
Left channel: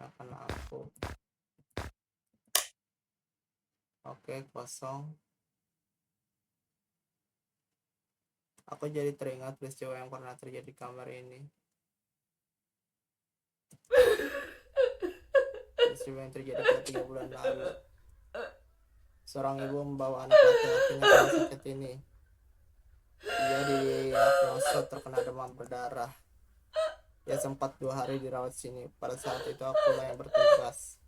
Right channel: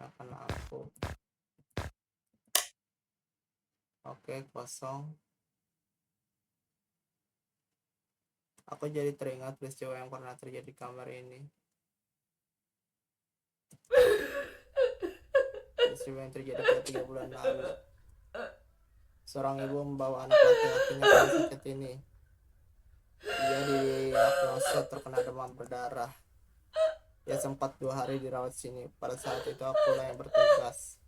Akan lampu. Oke, kosong. Aku jadi teringat peristiwa yang pernah terjadi di kamar ini. Peristiwa yang terjadi pada 3 bulan lalu. Seorang ibu membawa anak laki-lakinya ke rumah sakit ini. Ia didiagnosa terkena demam berdarah. Ya sempat 2 hari dirawat sini. Pada saat itu akulah yang bertugas.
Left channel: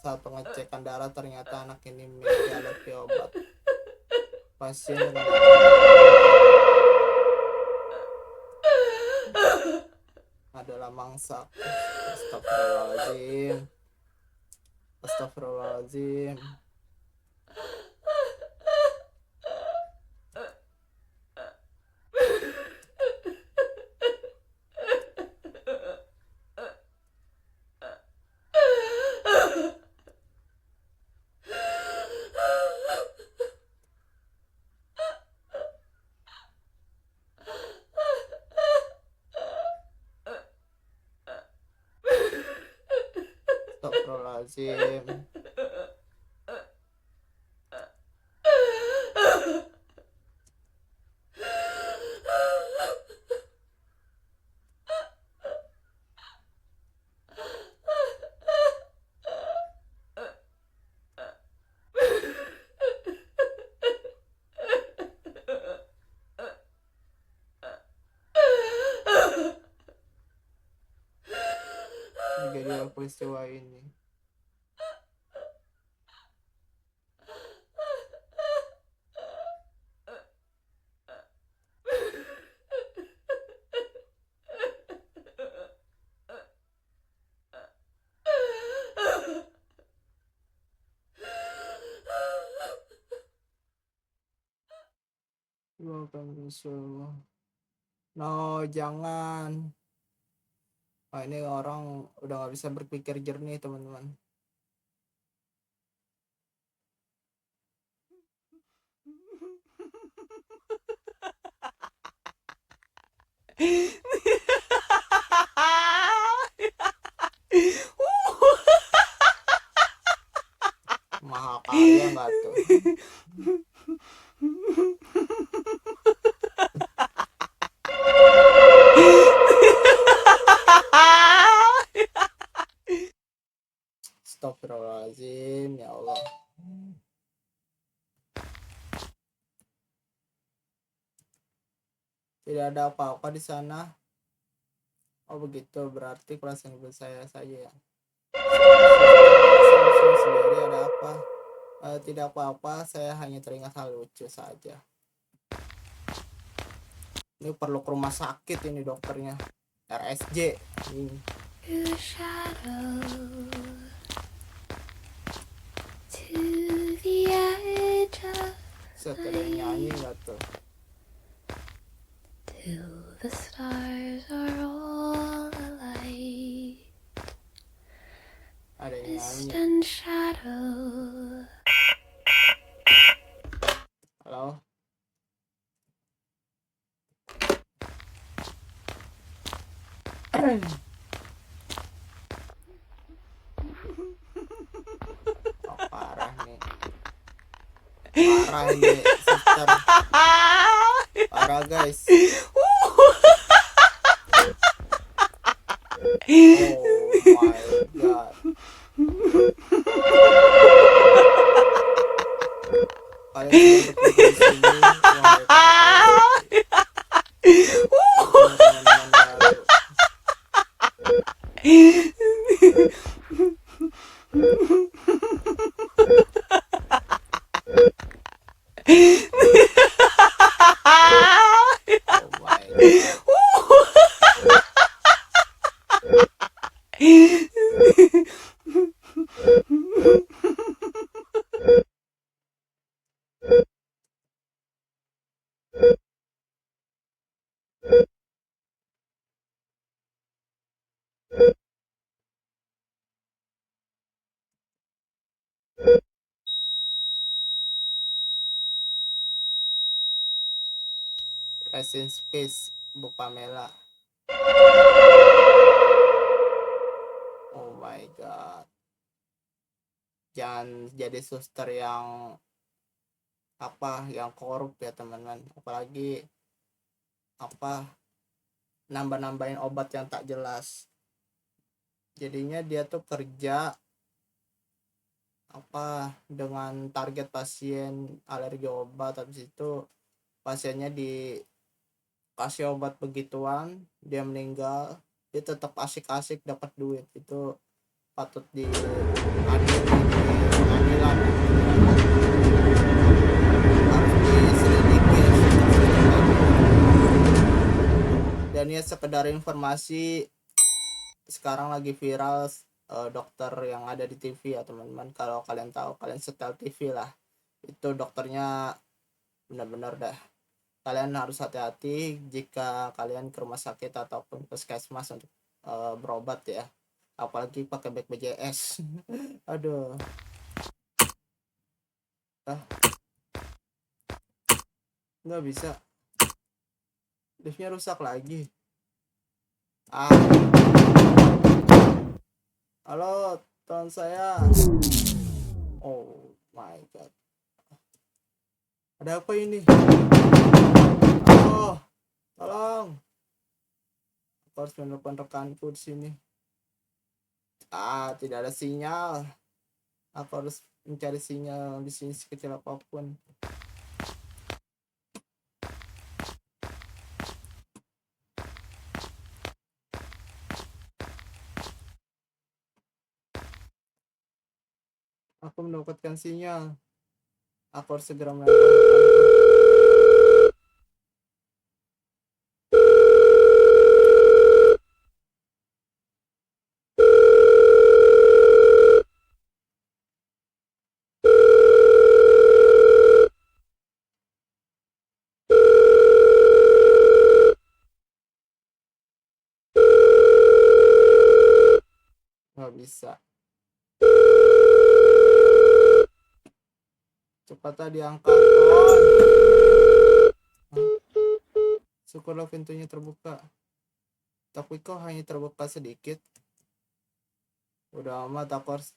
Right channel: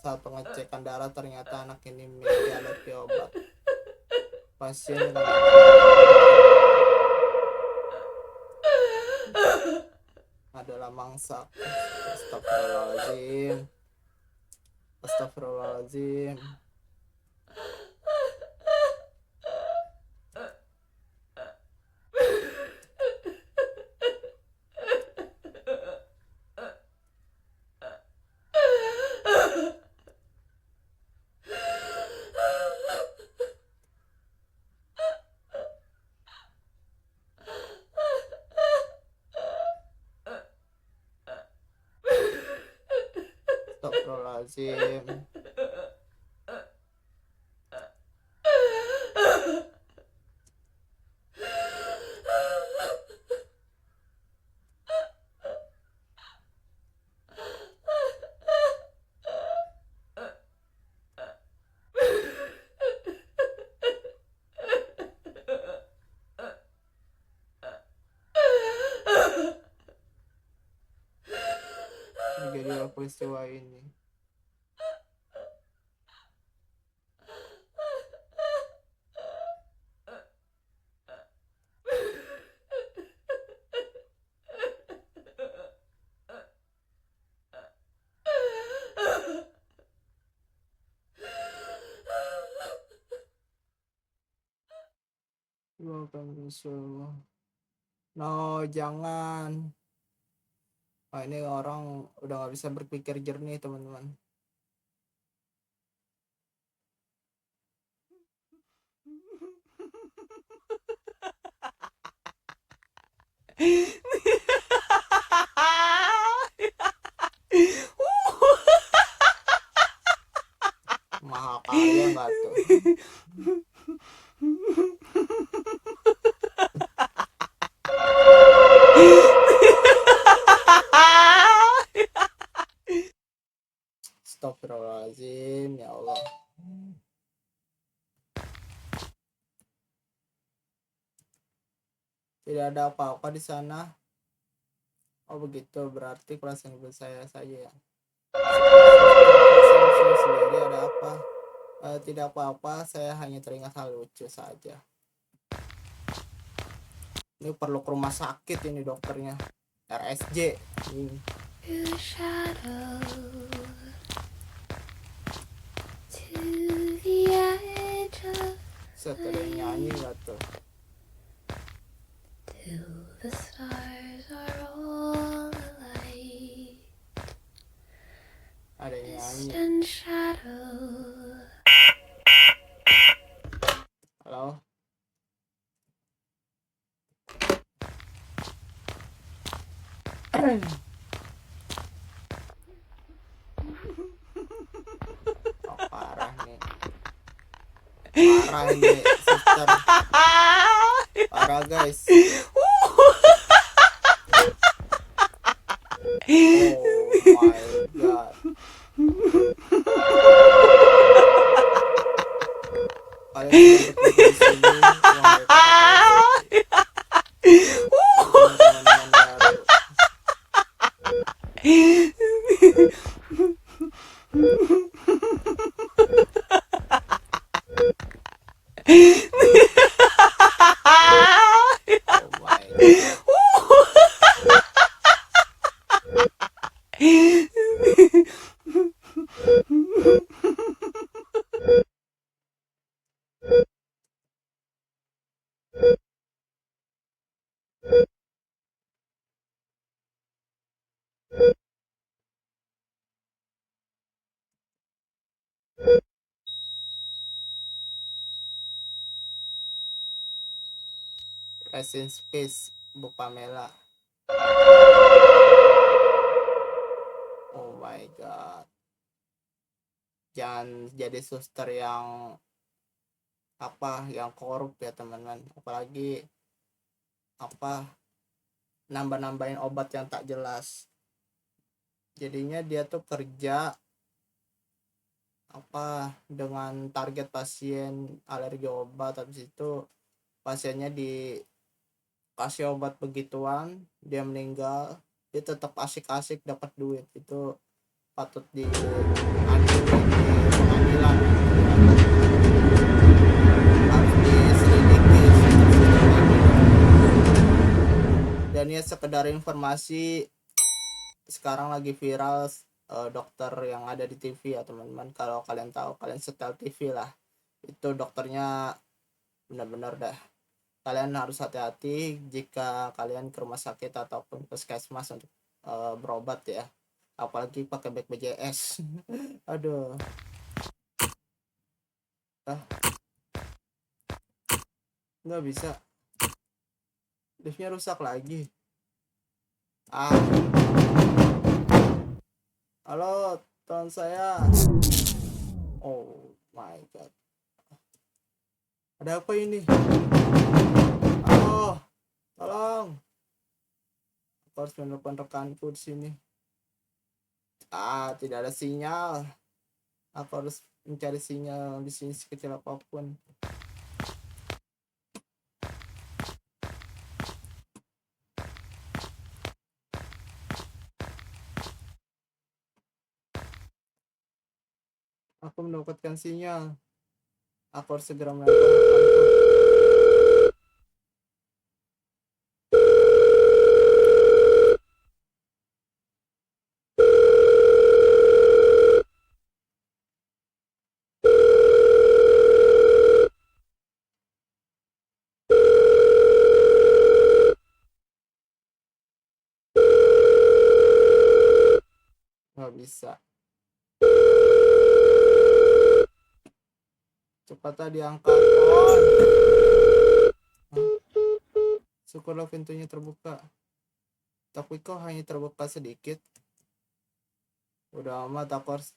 Saat pengecekan darah ternyata anak ini memiliki alergi obat. Pasien dengan alergi obat adalah mangsa. Astagfirullahaladzim. Astagfirullahaladzim. Astagfirullahaladzim. Terjadilah peristiwa ini. No, jangan. Wah, ini orang udah nggak bisa berpikir jernih, teman-teman. Mahakarya nggak tuh? Astagfirullahaladzim, ya Allah. Tidak ada apa-apa di sana. Oh begitu, berarti perasaan ibu saya saja ya. Sendiri ada apa? Tidak apa-apa, saya hanya teringat hal lucu saja. Ini perlu ke rumah sakit ini dokternya. RSJ. Set, ada yang nyanyi nggak tuh? The stars are all alight. Ada yang nyanyi. And shadow. Halo? Oh, parah nih. Parah ini, suster. Parah guys. Oh my god. Kalian sudah berkumpul di sini. Wahai para teman-teman baru. Oh my god. Rest in peace, Bu Pamela. Oh my god. Jangan jadi suster yang yang korup ya teman-teman. Apalagi nambah-nambahin obat yang tak jelas. Jadinya dia tuh kerja dengan target pasien alergi obat, habis itu pasiennya dikasih obat begituan, dia meninggal. dia tetap asik-asik dapat duit, itu patut diadili di pengadilan nanti ya. Harus diselidiki sistem-sistem kayak gini. Dan ya sekedar informasi, sekarang lagi viral dokter yang ada di TV ya teman-teman. Kalau kalian tahu, kalian setel TV lah, itu dokternya benar-benar dah, kalian harus hati-hati jika kalian ke rumah sakit ataupun puskesmas untuk berobat ya, apalagi pakai BPJS. Aduh, nggak bisa, liftnya rusak lagi. Halo teman saya. Oh my god, ada apa ini? Halo, tolong, aku harus menelepon rekanku di sini. Tidak ada sinyal, aku harus mencari sinyal di sini sekecil apapun. Aku mendapatkan sinyal, aku harus segera menelepon rekanku. Nggak bisa, cepatlah diangkat pohon. Syukurlah pintunya terbuka, tapi kok hanya terbuka sedikit. Udah amat, aku harus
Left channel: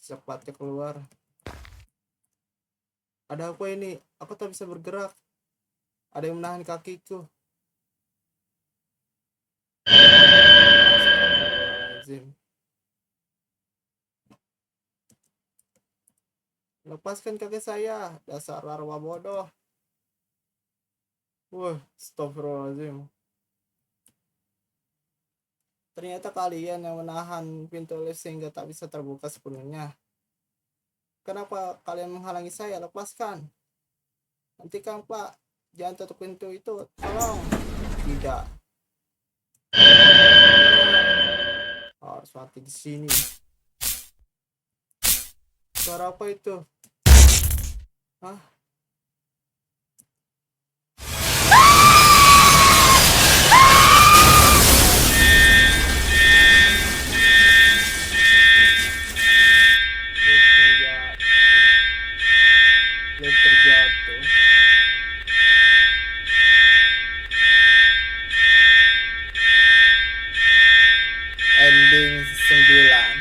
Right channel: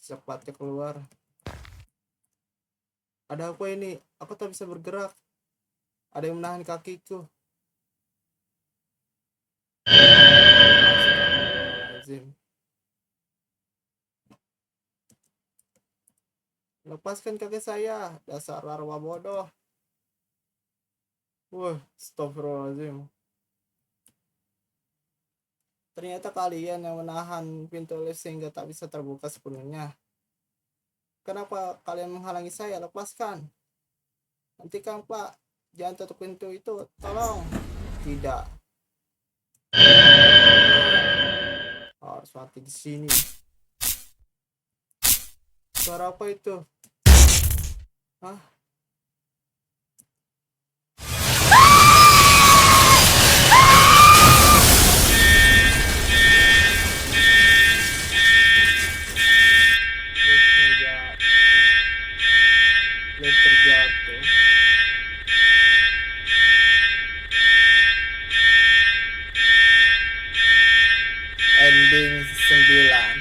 cepatnya keluar. Ada apa ini? Aku tak bisa bergerak, ada yang menahan kakiku. Astagfirullahaladzim. Lepaskan kaki saya, dasar larva bodoh. Astagfirullahaladzim. Ternyata kalian yang menahan pintu lift sehingga tak bisa terbuka sepenuhnya. Kenapa kalian menghalangi saya? Lepaskan. Hentikan, Pak. Jangan tutup pintu itu. Tolong. Tidak. Harus mati di sini. Suara apa itu? Hah? Lift terjatuh. Ending 9.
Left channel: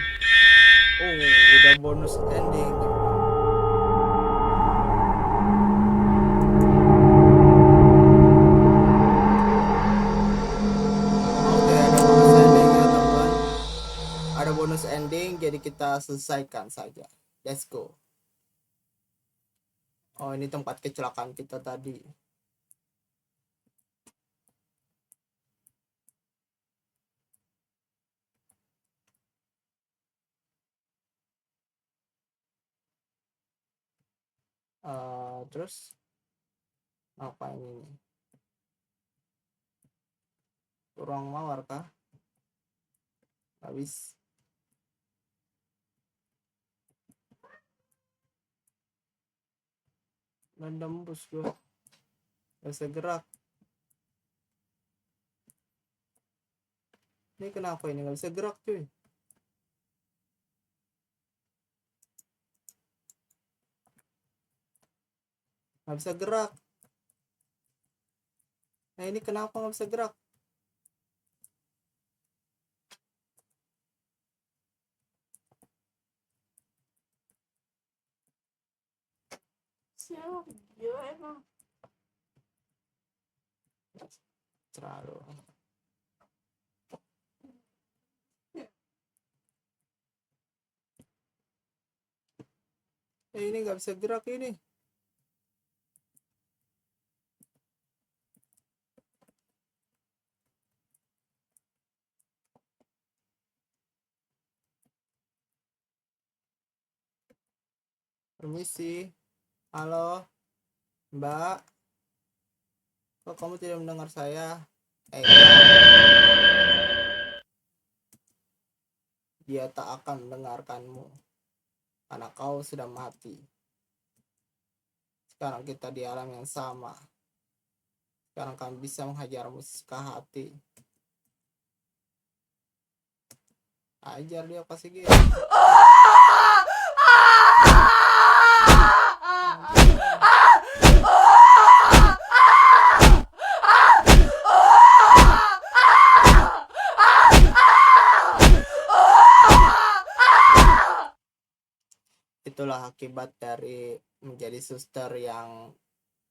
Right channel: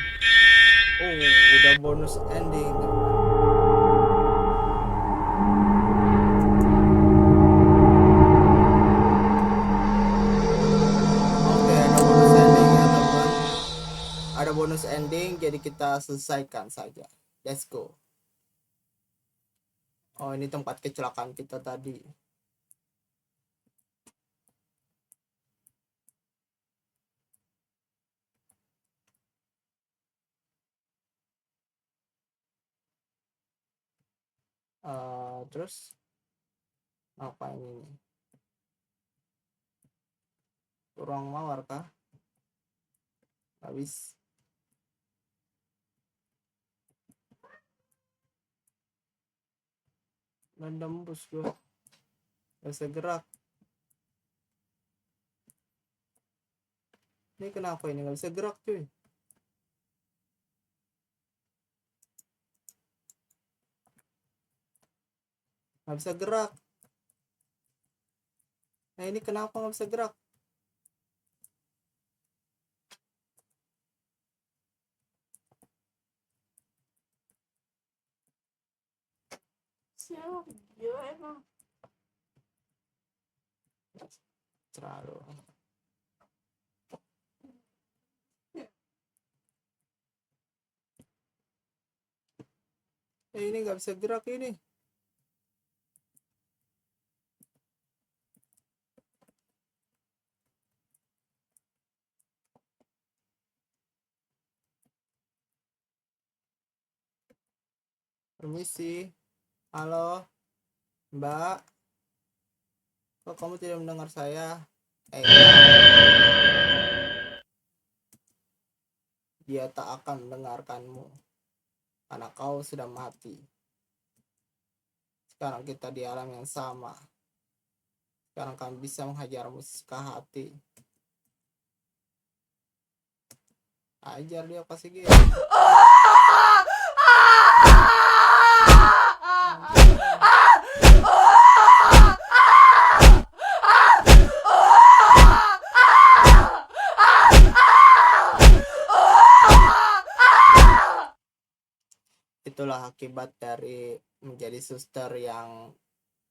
Udah bonus ending. Oke, ada bonus ending ya teman. Ada bonus ending, jadi kita selesaikan saja. Let's go. Oh, ini tempat kecelakaan kita tadi. Terus apa ini? Ruang mawar kah? Habis. Nembus gue. Gak bisa gerak. Ini kenapa ini gak bisa gerak cuy? Gak bisa gerak. Nah ini kenapa gak bisa gerak? Siap, gila emang. Terlalu. Ini nggak bisa gerak ini. Permisi. Halo, Mbak. Kok kamu tidak mendengar saya? Ya. Dia tak akan mendengarkanmu karena kau sudah mati. Sekarang kita di alam yang sama. Sekarang kami bisa menghajarmu sesuka hati. Ajar dia kasih gitu. Itulah akibat dari menjadi suster yang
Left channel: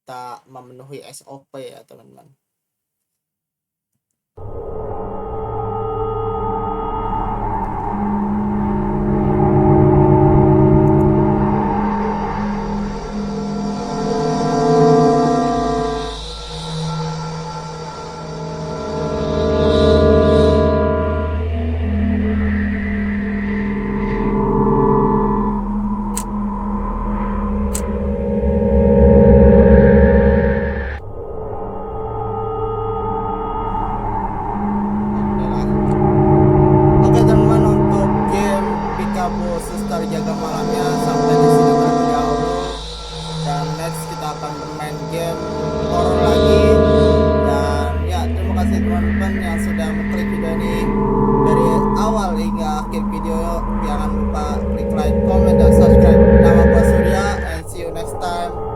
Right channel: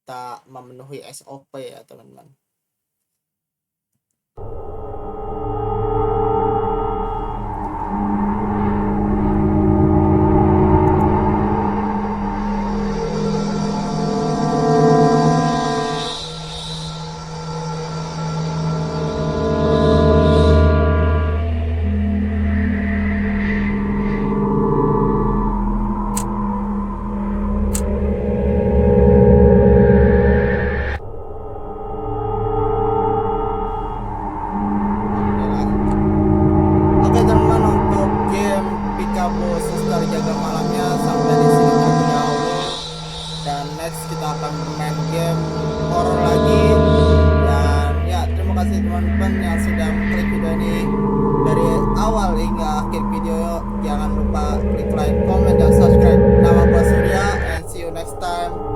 tak memenuhi SOP ya teman-teman. Oke teman-teman, untuk game Peekaboo Suster Jaga Malamnya sampai di sini terlebih dahulu. Dan next kita akan bermain game horror lagi. Dan ya, terima kasih teman-teman yang sudah mengklik video ini dari awal hingga akhir video. Jangan lupa klik like, comment, dan subscribe. Nama gua Surya, and see you next time.